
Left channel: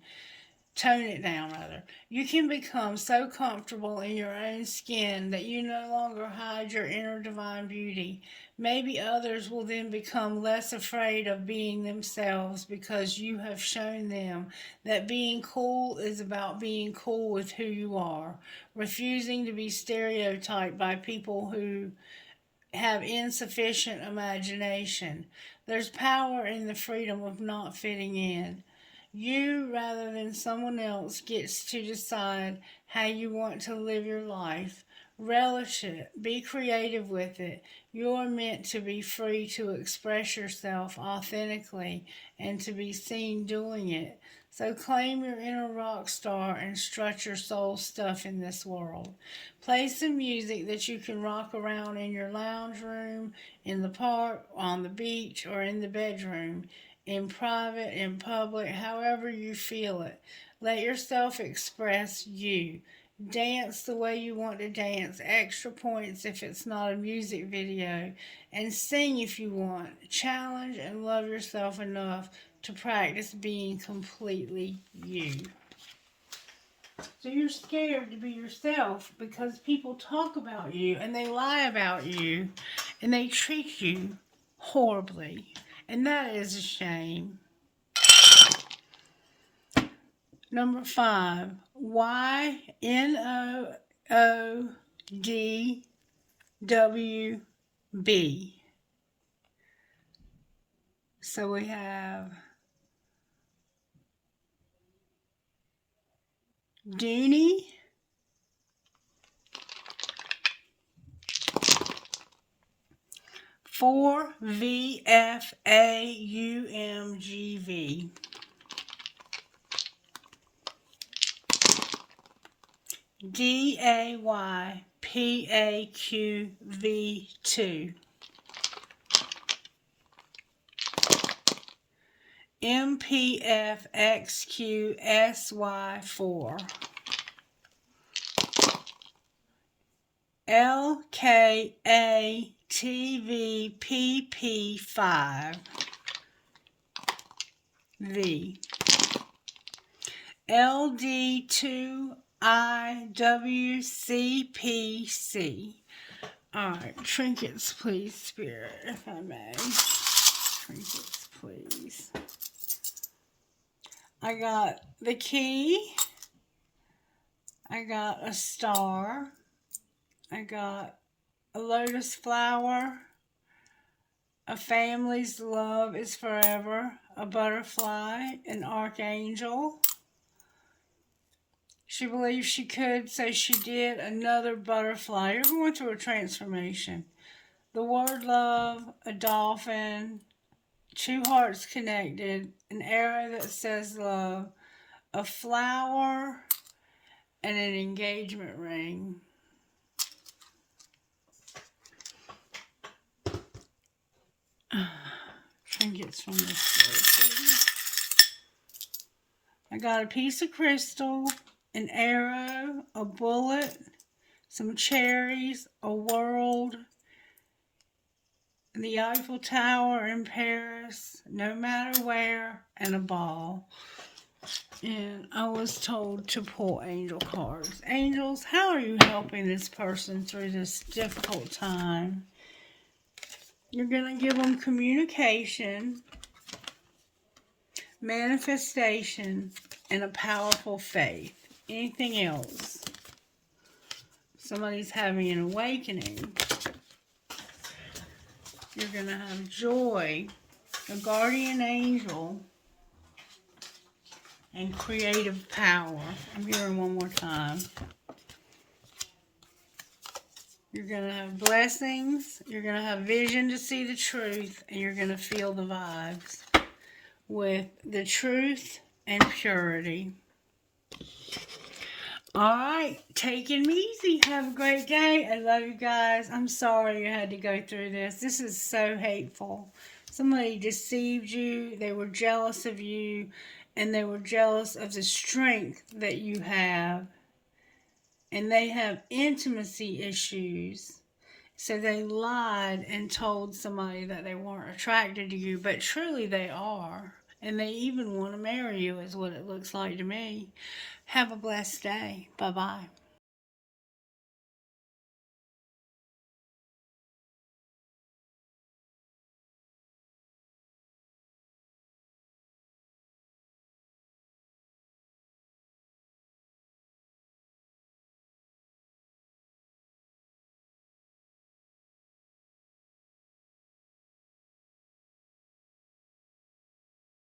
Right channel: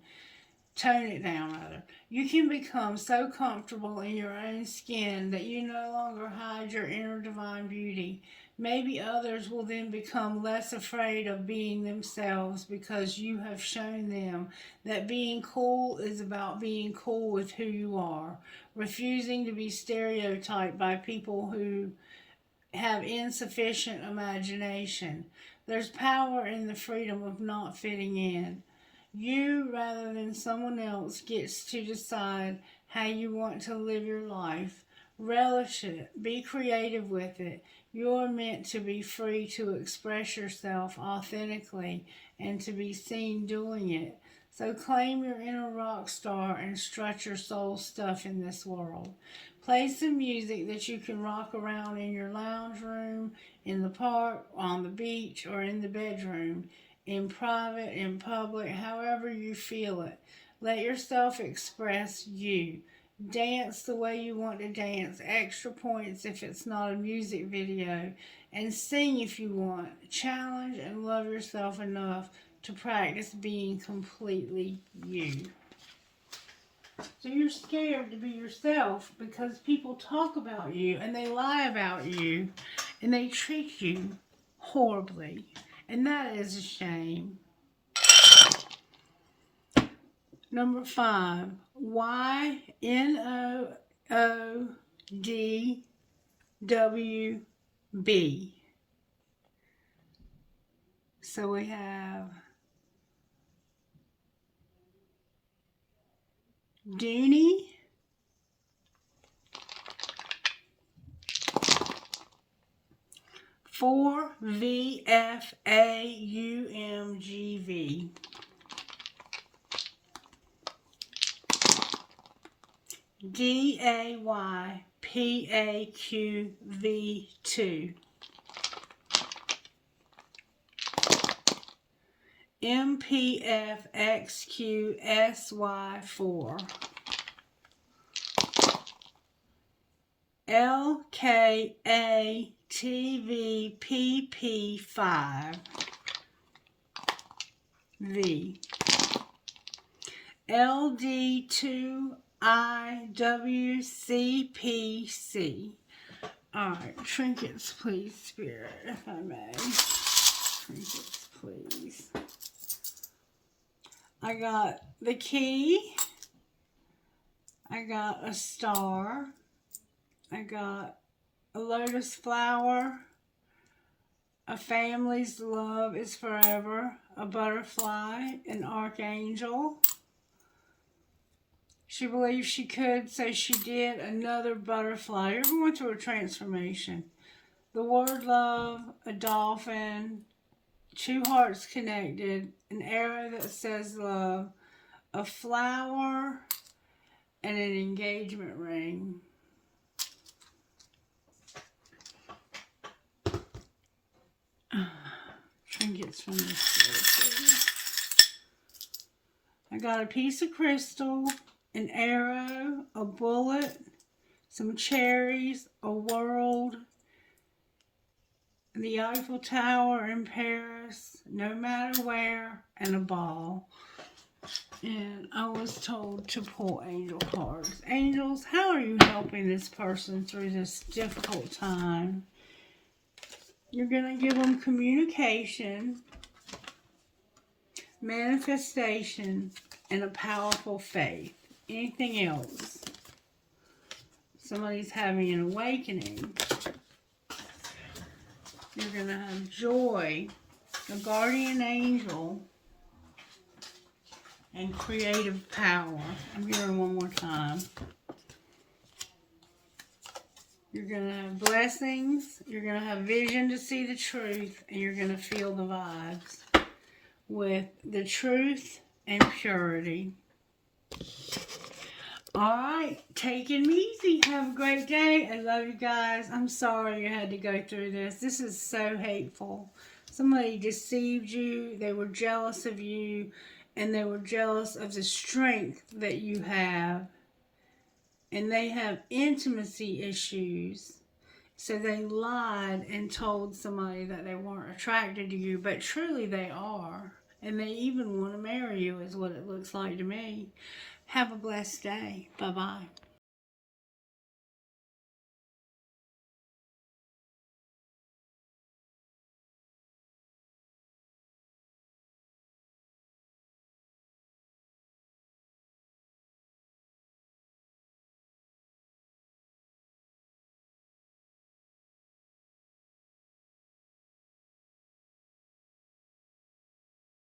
Tone it down, rather. You can become so comfortable in your own skin that you no longer hide your inner divine beauty. Maybe others will then become less afraid of being themselves because you have shown them that being cool is about being cool with who you are, refusing to be stereotyped by people who have insufficient imagination. There's power in the freedom of not fitting in. You, rather than someone else, gets to decide how you want to live your life. Relish it. Be creative with it. You're meant to be free to express yourself authentically and to be seen doing it. So claim your inner rock star and strut your soul stuff in this world. Play some music that you can rock around in your lounge room, in the park, on the beach, or in the bedroom, in private, in public, however you feel it. Let yourself express you. Dance the way you want to dance, extra points if it's not a music video, and sing if you want. Challenge and love yourself enough to practice being completely you. So you're scared to be yourself because people talk about you and they lie about you and they treat you horribly. And that is a shame. Number 5. YNOODWB. So we have Dooney, for VFAUMGV. DAYPAQV2. MPFXQSY4. LKATVPP5. V. LD2IWCPC. Alright, trinkets, please, Spirit, if I may. Trinkets, please. I got the key. I got a star. I got a lotus flower. A family's love is forever. A butterfly. An archangel. She believes she could, so she did. Another butterfly. You're going through a transformation. The word love, a dolphin, two hearts connected, an arrow that says love, a flower, and an engagement ring. Trinkets from this. I got a piece of crystal, an arrow, a bullet, some cherries, a world, the Eiffel Tower in Paris, no matter where, and a ball. And I was told to pull angel cards. Angels, how are you helping this person through this difficult time? You're going to give them communication, manifestation, and a powerful faith. Anything else? Somebody's having an awakening. You're going to have joy, a guardian angel, and creative power. I'm hearing one more time. You're going to have blessings. You're going to have vision to see the truth. And you're going to feel the vibes with the truth and purity. Alright, take it easy. Have a great day. I love you guys. I'm sorry you had to go through this. This is so hateful. Somebody deceived you. They were jealous of you. And they were jealous of the strength that you have. And they have intimacy issues. So they lied and told somebody that they weren't attracted to you. But truly they are. And they even want to marry you is what it looks like to me. Have a blessed day. Bye-bye.